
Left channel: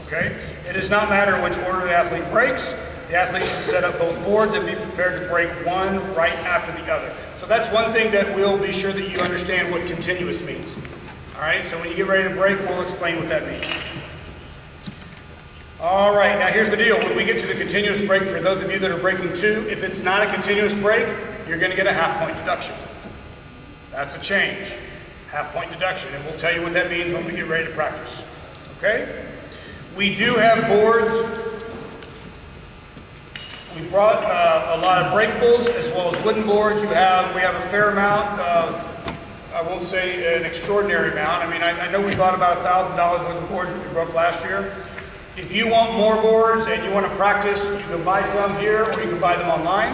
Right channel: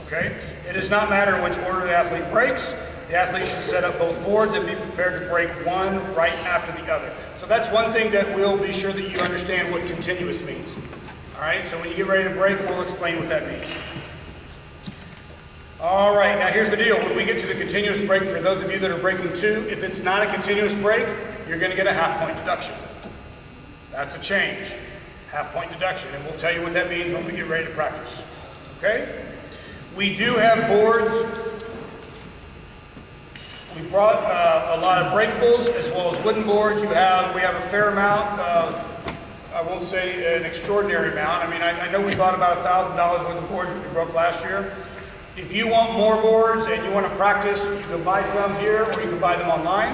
Okay? It does not matter which order the athlete breaks. The athlete should set up both boards and be prepared to break one right after the other. So that's one thing that we'll be sure that you understand what continuous means. All right? So when you get ready to break, we'll explain what that means. All right, now here's the deal. When we get to the continuous break, for those of you that are breaking 2, if it's not a continuous break, you're going to get a half-point deduction. That's a change. Half-point deduction, and we'll tell you what that means when we get ready to practice. Okay? We do have boards. We brought a lot of breakables as well as wooden boards. We have a fair amount. I won't say an extraordinary amount. I mean, I know we bought about $1,000 worth of boards that we broke last year. If you want more boards and you want to practice, you can buy some here or you can buy them online,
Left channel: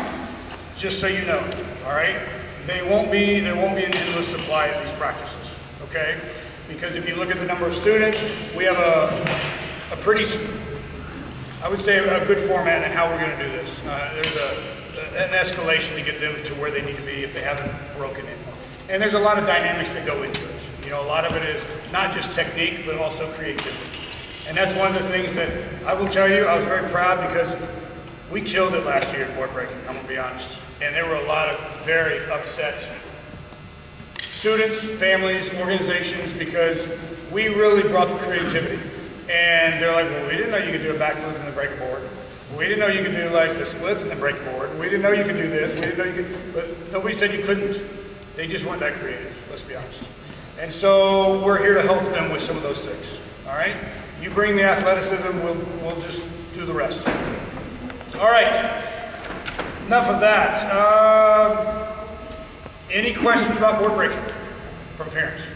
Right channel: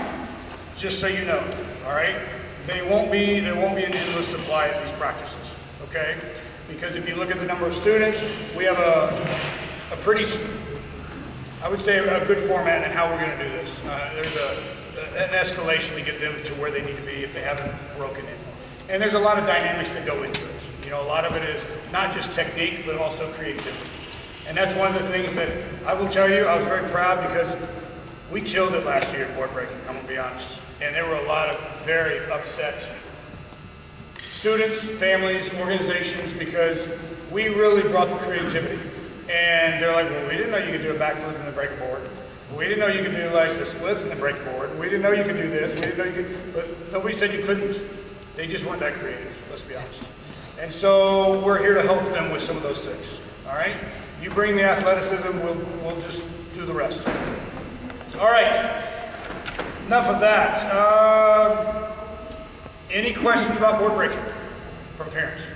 just so you know, all right? There won't be an endless supply of these practices, okay? Because if you look at the number of students, we have a pretty, I would say a good format in how we're going to do this. There's an escalation to get them to where they need to be if they haven't broken in. And there's a lot of dynamics that go into it. You know, a lot of it is not just technique, but also creativity. And that's one of the things that I will tell you, I was very proud because we killed it last year at board breaking, I'm going to be honest. And there were a lot of very upset students, families, organizations, because we really brought the creativity. And they're like, well, we didn't know you could do a backflip and then break a board. We didn't know you could do like the splits and then break a board. We didn't know you could do this. We didn't know you could, but nobody said you couldn't. They just weren't that creative, let's be honest. And so we're here to help them with some of those things, all right? You bring the athleticism, we'll just do the rest. All right, enough of that. Any questions about board breaking from parents?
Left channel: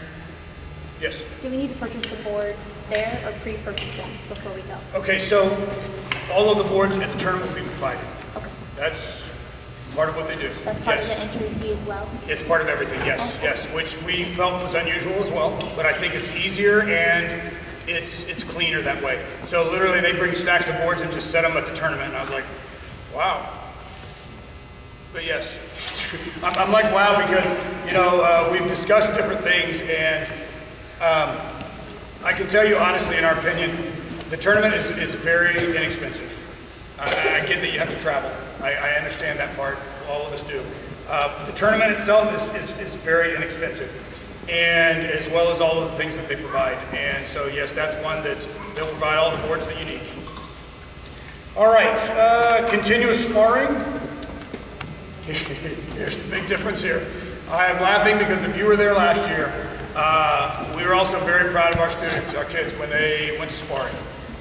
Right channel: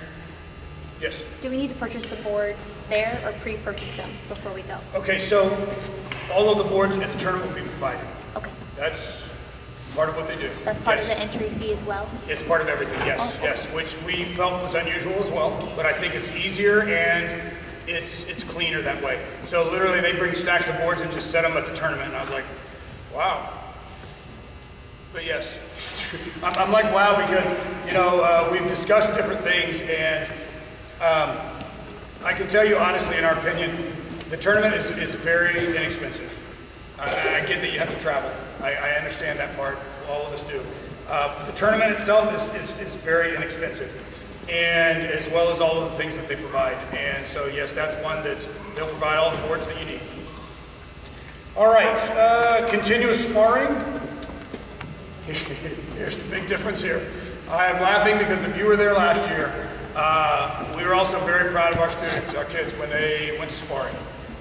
Yes? Do we need to purchase the boards there or pre-purchase them before we go? Okay, so all of the boards at the tournament will be provided. Okay. That's part of what they do. That's part Yes. of the entry fee as well? It's part of everything, yes, yes, which we felt was unusual as well, but I think it's easier and it's cleaner that way. So literally they bring stacks of boards and just set them at the tournament, and I was like, wow. But yes, I'm like, wow, because, you know, we've discussed different things, and I can tell you honestly, in our opinion, the tournament is very inexpensive. I get that you have to travel. I understand that part, all of us do. The tournament itself is very inexpensive, and as well as all of the things that they provide. And so yes, that's one that they'll provide all the boards that you need. All right, continuous sparring. Here's the big difference here. I am laughing because if you were there last year, we were also very proud of our students, our kids, when they went to sparring,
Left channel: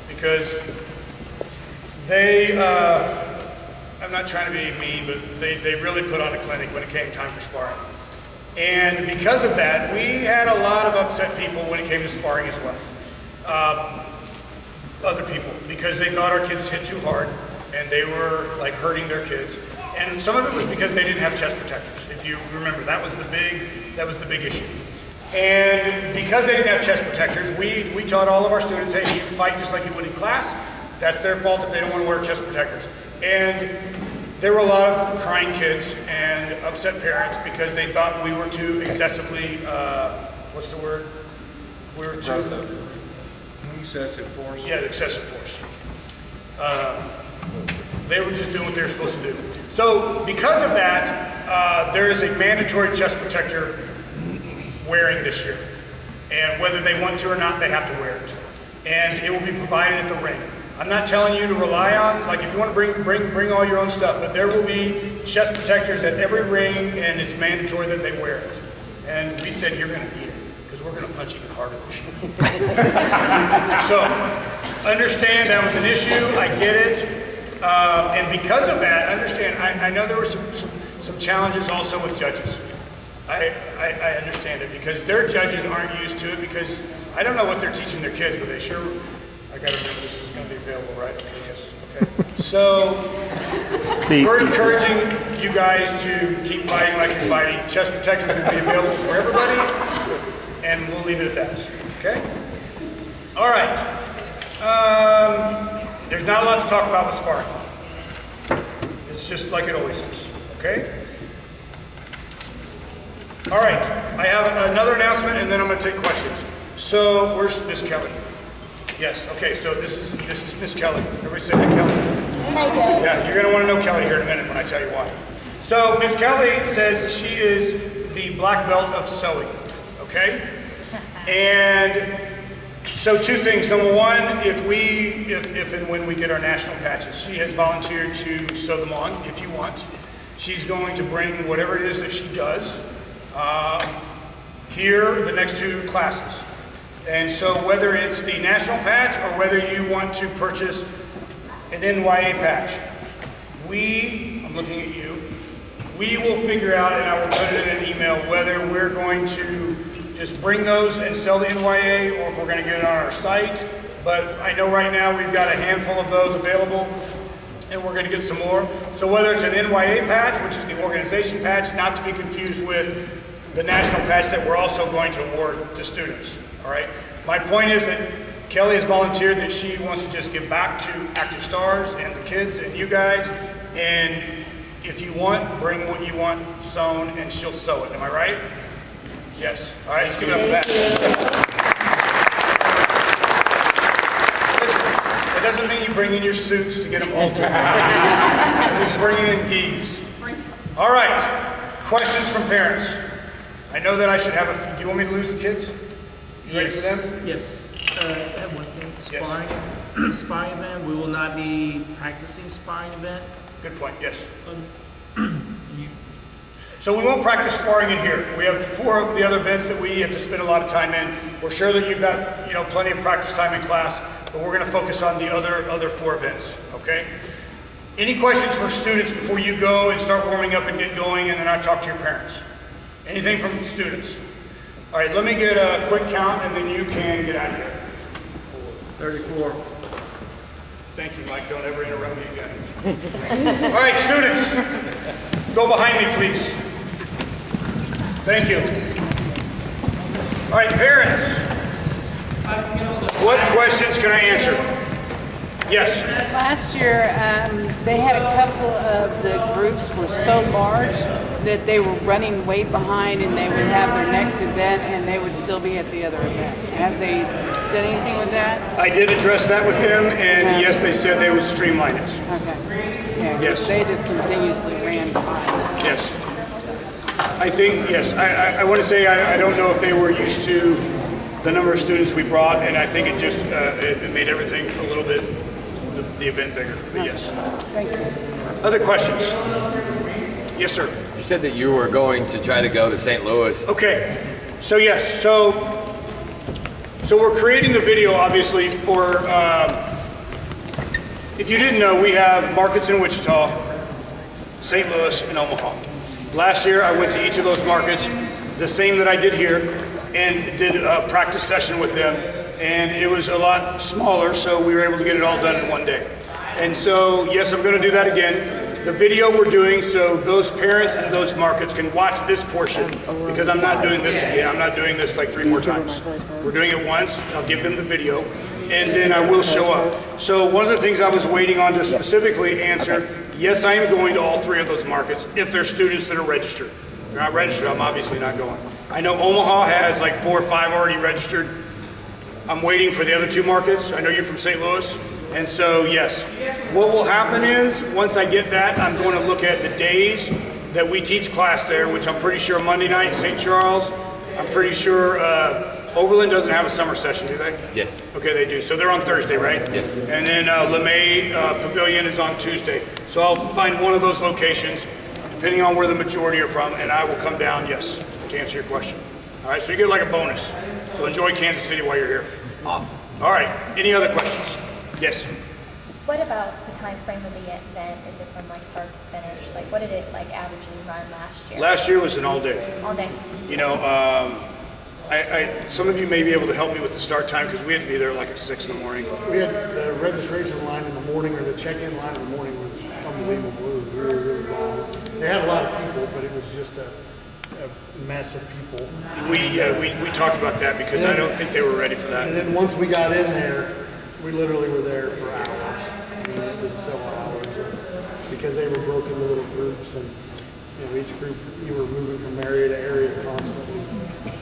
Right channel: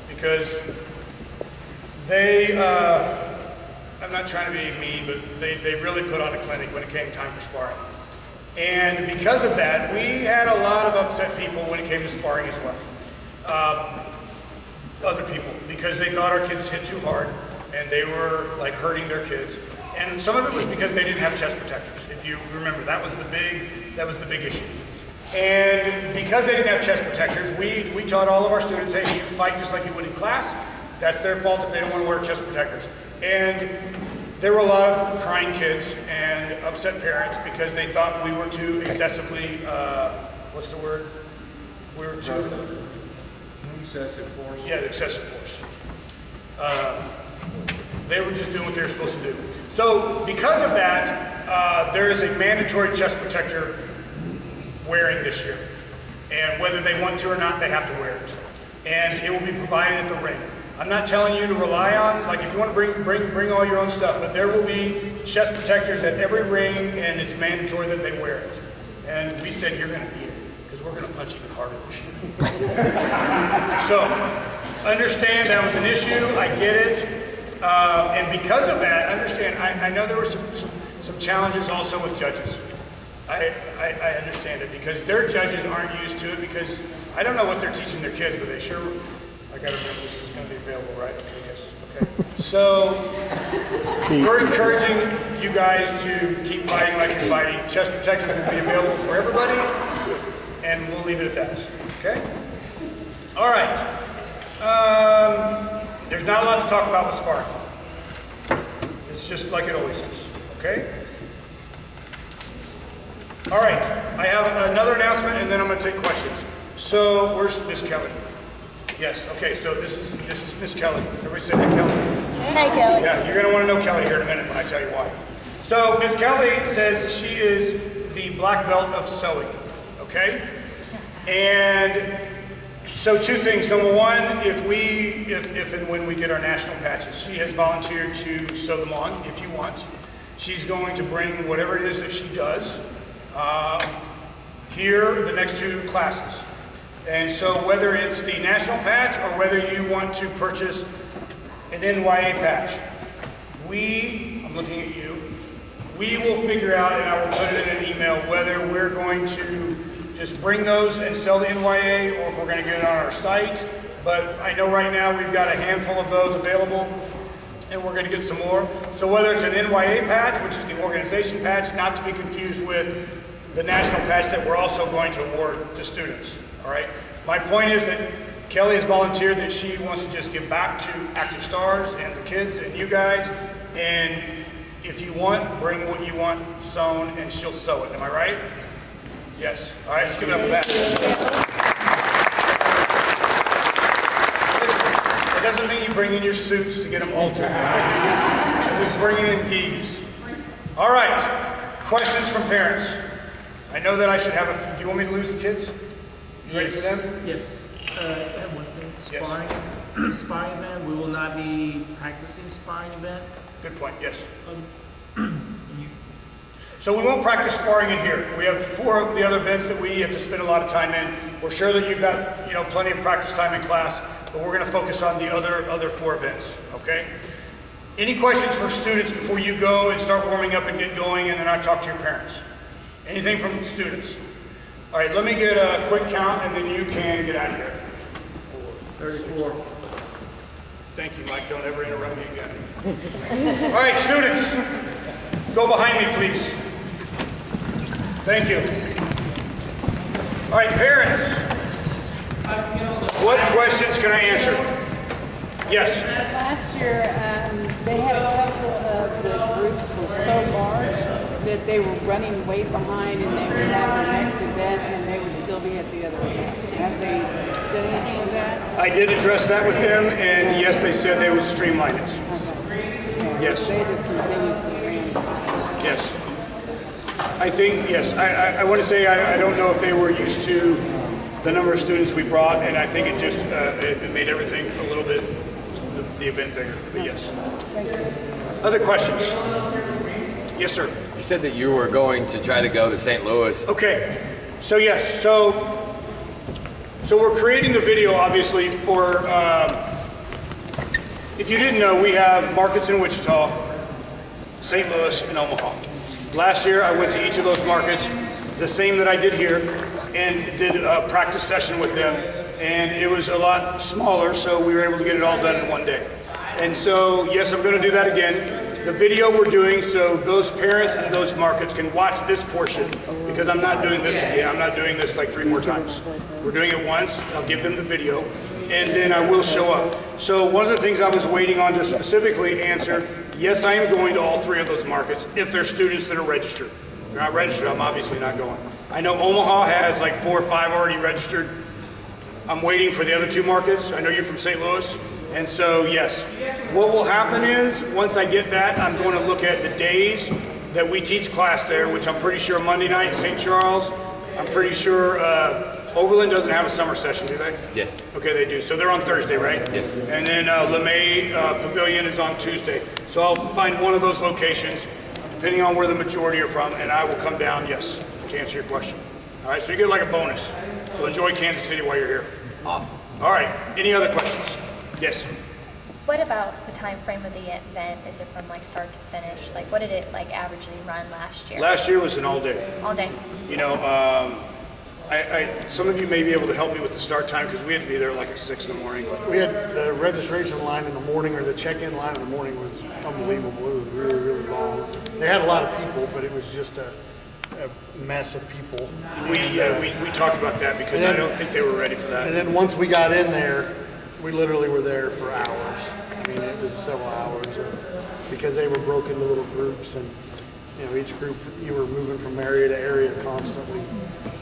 because they, I'm not trying to be mean, but they really put on a clinic when it came time for sparring. And because of that, we had a lot of upset people when it came to sparring as well. Other people, because they thought our kids hit too hard and they were like hurting their kids. And some of it was because they didn't have chest protectors. If you remember, that was the big issue. And because they didn't have chest protectors, we taught all of our students, hey, you fight just like you would in class. That's their fault if they don't want to wear chest protectors. And there were a lot of crying kids and upset parents because they thought we were too excessively, what's the word? We were too... Excessive force? Yeah, excessive force. They were just doing what they were supposed to do. So because of that, there is a mandatory chest protector wearing this year. And whether they want to or not, they have to wear it. And it will be provided at the ring. I'm not telling you to rely on, like if you want to bring all your own stuff, but there will be chest protectors at every ring, and it's mandatory that they wear it. And we said, you're going to need it, because we're going to punch even harder this year. So, understand that was an issue, I get it. And because of that, understand, I know there were some challenges also with judges. I understand it because their judges aren't used to it because I don't know what they're teaching their kids, but they sure, I gotta remember this is gonna be available, right? Okay, yes, okay. So, we're encouraging you guys to keep fighting like you're fighting. Chest protection will be available for everybody, and we'll leave it at that, okay? All right. There's not a lot to talk about with sparring. It's just like it always is, okay? All right, I have another announcement and then I'm gonna take questions. So, where's Miss Kelly? Yes, okay, so this is Miss Kelly. Everybody say hi, Kelly. Hi, Kelly. Yeah, you're gonna wanna know Kelly here in a minute when I tell you why. So, Miss Kelly says she is the black belt of sewing, okay? And so two things. Number one, if and when we get our national patches, she has volunteered to sew them on if you want. She's going to bring whatever it is that she does here the next two classes. And so whether it's the national patch or whether you want to purchase an NYA patch, I'm looking at you, we will figure out, and I will put it in an email, whether we're going to just bring those and sell the NYA or if we're going to get it on our site. But I know right now we've got a handful of those available and we're going to get some more. So whether it's an NYA patch, which is the organization patch, not to be confused with the national patch that we're also going to award the students, all right? My point is that Kelly has volunteered that she wants to just give back to ActivStars and the kids and you guys, and if you want, bring what you want sewn and she'll sew it, am I right? Yes, all right, let's give it up for that. Listen, it doesn't mean you bring in your suits to get them altered. Just bring in geese. All right, questions from parents. I know that I should have a few. Do you want me to lose the kids? You ready for them? Yes. I have one thing. Yes. Sparring. Sparring event. We will not be practicing sparring event. Good point, yes. So we won't practice sparring in here. We have 4 of the other events that we have to spend a lot of time in. We're sure that you've got, plenty of practice time in class, but we're going to focus on the other 4 events, okay? Any questions for students before you go and start warming up and get going, and then I'll talk to your parents? Anything from students? All right, let me get a quick count, and then you can get out of here. 34. Thank you, Mike. Don't ever interrupt me again. All right, students, go behind me, please. Thank you. All right, parents, what questions can I answer? Yes. Last year, they had a couple of the groups were so large that they were running way behind and they would have their next event and they would still be at the other event. Have they done anything with that? I did address that with them, and yes, they said they would streamline it. Okay. Yeah, Yes. They just continuously ran behind. Yes. I think, yes. I want to say I don't know if they were used to the number of students we brought, and I think it just it made everything a little bit, the event bigger, but yes. Thank you. Other questions? Yes, sir. You said that you were going to try to go to St. Louis. Okay, so yes, so we're creating the video obviously for, if you didn't know, we have markets in Wichita, St. Louis, and Omaha. Last year I went to each of those markets, the same that I did here, and did a practice session with them, and it was a lot smaller, so we were able to get it all done in one day. And so, yes, I'm going to do that again. The video we're doing so those parents and those markets can watch this portion, because I'm not doing this again. I'm not doing this like 3 more times. We're doing it once. I'll give them the video, and then I will show up. So one of the things I was waiting on to specifically answer, yes, I am going to all 3 of those markets if they're students that are registered. If they're not registered, I'm obviously not going. I know Omaha has like 4 or 5 already registered. I'm waiting for the other 2 markets. I know you're from St. Louis. And so, yes, what will happen is, once I get that, I'm going to look at the days that we teach class there, which I'm pretty sure Monday night in St. Charles. I'm pretty sure Overland doesn't have a summer session, do they? Yes. Okay, they do. So they're on Thursday, right? Yes. And then LeMay Pavilion is on Tuesday. So I'll find one of those locations, depending on where the majority are from, and I will come down, yes, to answer your question. All right, so you get like a bonus. So enjoy Kansas City while you're here. Awesome. All right, any other questions? Yes. What about the time frame of the event? Is it from like start to finish? Like what did it like averagely run last year? Last year was an all day. All day. You know, some of you may be able to help me with the start time because we had to be there like at 6 in the morning. We had the registration line in the morning, or the check-in line in the morning was unbelievable. It was really, really long. They had a lot of people, but it was just a mess of people. We talked about that because I don't think they were ready for that. And then once we got in there, we literally were there for hours. I mean, it was several hours because they were broken into little groups, and you know, each group you were moving from area to area constantly.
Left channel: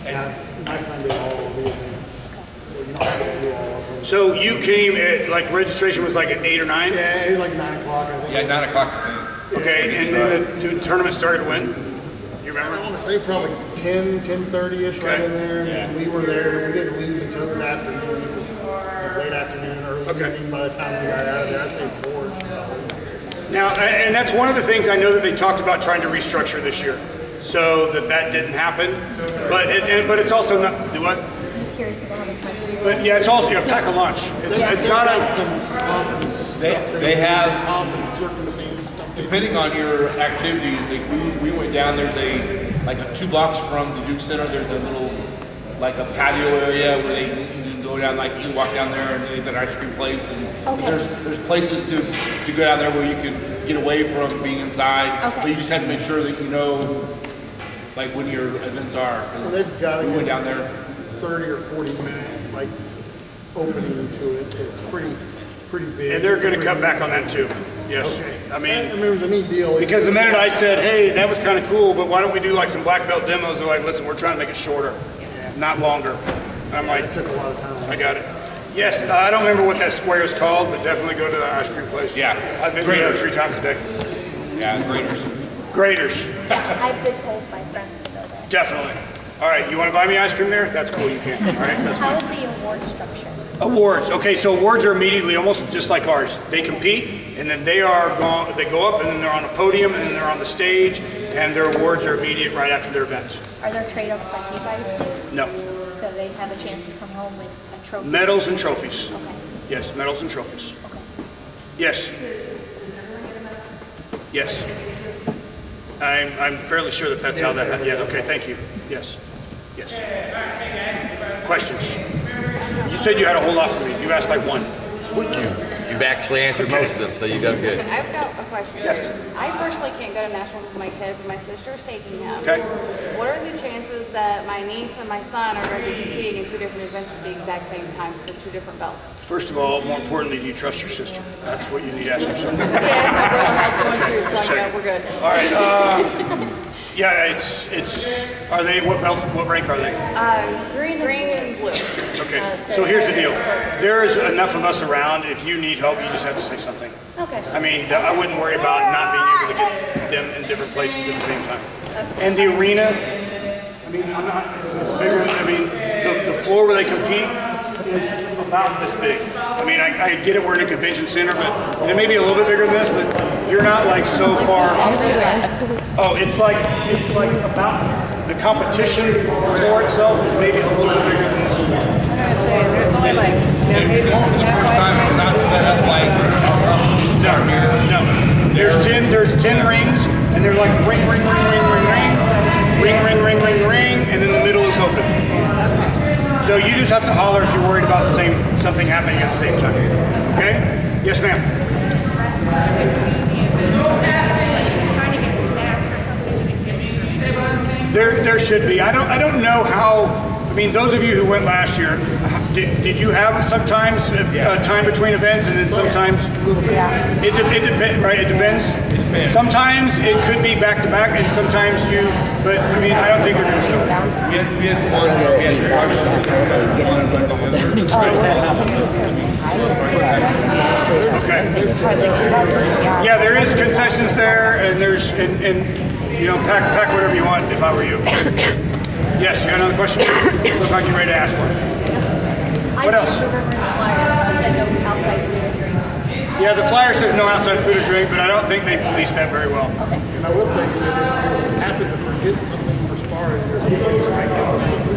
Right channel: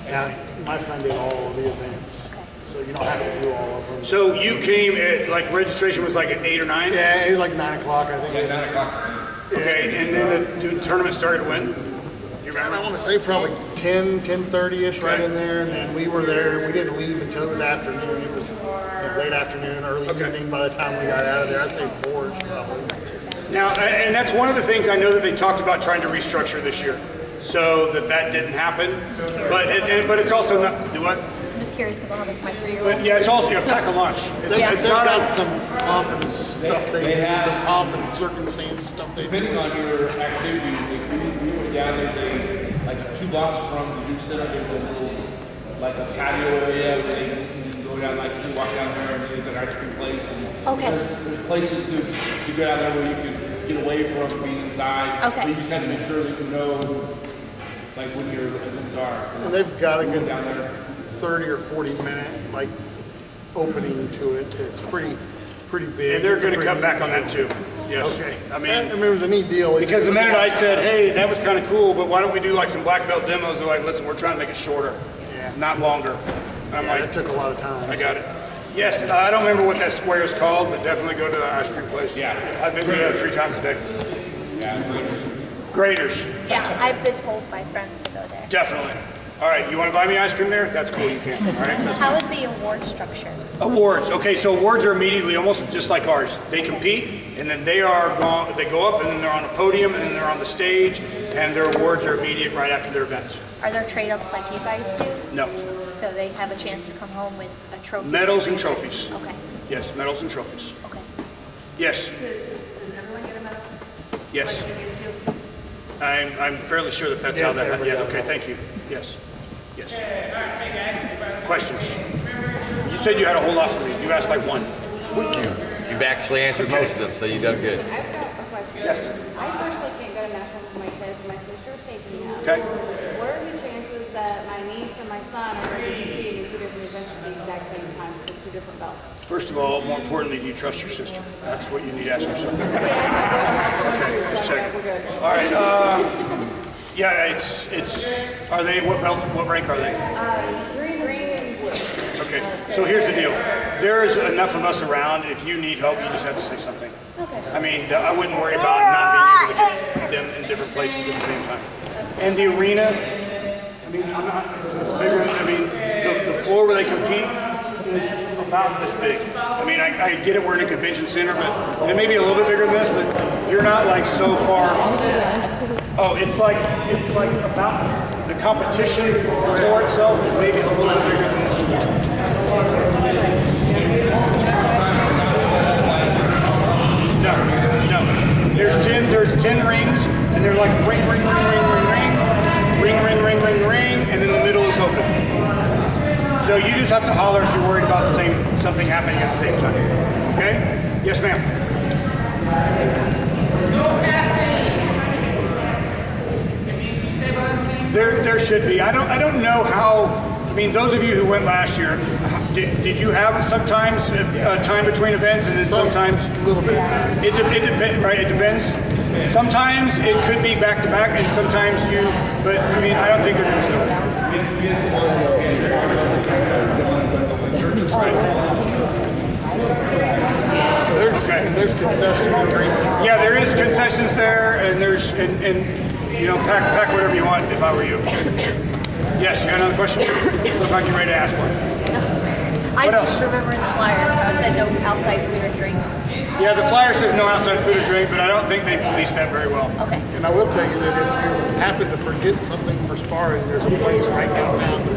And my son did all of the events, so you don't have to do all of them. So you came at like registration was like at 8 or 9? Yeah, it was like 9 o'clock, I think. Yeah, 9 o'clock. Okay, and then the tournament started when? Do you remember? I want to say probably 10:30ish right Okay. in there, and we were there. We didn't leave until it was afternoon. It was late afternoon, early evening by the time we got out of there. I'd say 4. Now, and that's one of the things I know that they talked about trying to restructure this year, so that didn't happen. But it's also not. Do what? I'm just curious because I have my 3-year-old. But yeah, it's also a pack a lunch. It's not got a. some conference stuff. They have- some conference circumstance stuff. Depending on your activities, like we went down, there's like 2 blocks from the Duke Center, there's a little, like a patio area where you can go down, like you can walk down there and they've got an ice cream place. And Okay. there's places to go down there where you can get away from being inside. Okay. But you just have to make sure that you know, like when your events are. 'Cause And they've got a we went good down there. 30 or 40 minute like opening to it. It's pretty big. And they're It's a going to pretty cut neat back on deal. that too. Yes. Okay. I mean, it was a neat deal. because the minute I said, hey, that was kind of cool, but why don't we do like some black belt demos? They're like, listen, we're trying to make it shorter, not longer. And I'm like, It took a lot of time. I got it. Yes, I don't remember what that square is called, but definitely go to the ice cream place. Yeah. I've been there 3 times a day. Yeah, graders. Graders, Yeah, I've been told by friends to go there. definitely. All right, you want to buy me ice cream there? That's cool, you can. All right, that's How fine. is the award structure? Awards. Okay, so awards are immediately almost just like ours. They compete, and then they go up, and then they're on a podium, and then they're on the stage, and their awards are immediate right after their events. Are there trade-offs like you guys do? No, So they have a chance to come home with a trophy? medals and trophies. Okay, Yes, medals and trophies. okay. Yes. Yes. I'm fairly sure that that's how that happened. Yeah, okay, thank you. Yes. Yes. Questions? You said you had a whole lot for me. You asked like one. You've actually answered most of them, so you done good. I've got a question. Yes. I personally can't go to nationals with my kids, but my sister's taking him. Okay. What are the chances that my niece and my son are going to be competing in 2 different events at the exact same time for 2 different belts? First of all, more importantly, do you trust your sister? That's what you need to ask yourself. Yeah, my brother has one too, just so checking. we're good. All right. Yeah, it's. Are they what belt? What rank are they? Green and blue. Okay. So here's the deal. There is enough of us around. If you need help, you just have to say something. Okay. I mean, I wouldn't worry about not being able to get them in different places at the same time. And the arena. I mean, I'm not. It's bigger. I mean, the floor where they compete is about this big. I mean, I get it. We're in a convention center, but it may be a little bit bigger than this, but you're not like so far. Oh, it's like about the competition floor itself is maybe a little bit bigger than this floor. It's not set up like No. There's 10 rings, and they're like ring, and then the middle is open. So you just have to holler if you're worried about something happening at the same time. Okay? Yes, ma'am. There should be. I don't know how. I mean, those of you who went last year, did you have sometimes time between events, and then sometimes it depends, right? It depends. Sometimes it could be back to back, and sometimes you. But I mean, I don't think they're going to start. Okay. Yeah, there is concessions there, and there's and you know, pack whatever you want. If I were you. Yes, you got another question? Look like you're ready to ask one. I What just else? remember in the flyer it said no outside food or drinks. Yeah, the flyer says no outside food or drink, but I don't think they police that very well. Okay. And I will tell you that if you happen to forget something for sparring, there's a place right downtown to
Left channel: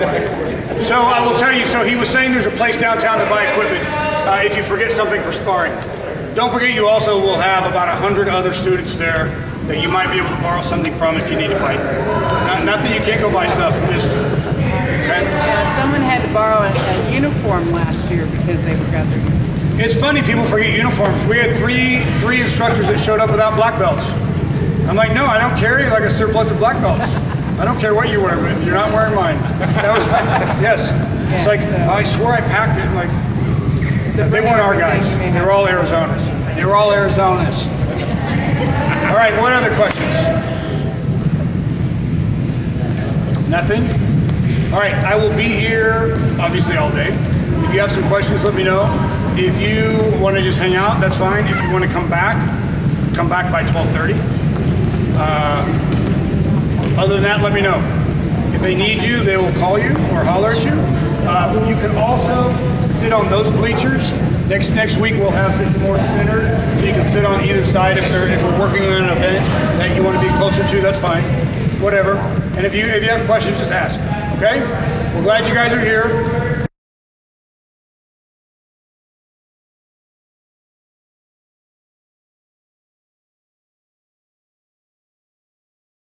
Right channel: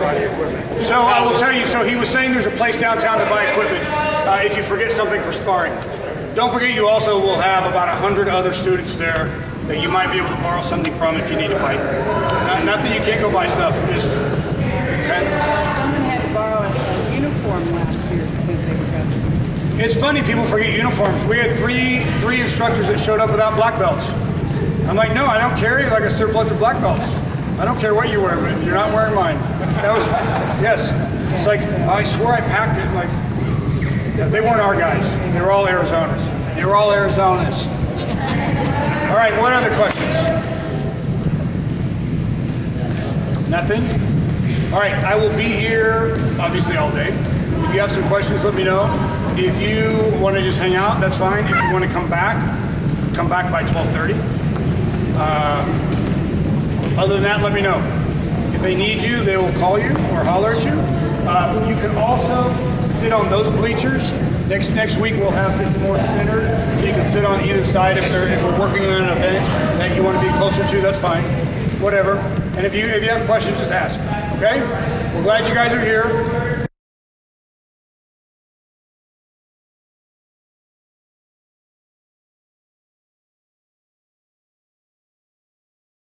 buy equipment. So I will tell you, so he was saying there's a place downtown to buy equipment. if you forget something for sparring. Don't forget you also will have about 100 other students there that you might be able to borrow something from if you need to fight. Not that you can't go buy stuff, just, okay? Yeah, someone had to borrow a uniform last year because they forgot their uniform. It's funny, people forget uniforms. We had three instructors that showed up without black belts. I'm like, no, I don't carry like a surplus of black belts. I don't care what you wear, but you're not wearing mine. That was fun. Yes. It's like, I swore I packed it. I'm like, they weren't our guys. They were all Arizonas. They were all Arizonas. All right, what other questions? Nothing? All right, I will be here obviously all day. If you have some questions, let me know. If you want to just hang out, that's fine. If you want to come back by 12:30. Other than that, let me know. If they need you, they will call you or holler at you. You can also sit on those bleachers. Next week we'll have this more centered, so you can sit on either side if we're working on an event that you want to be closer to. That's fine. Whatever. And if you have questions, just ask. Okay? We're glad you guys are here.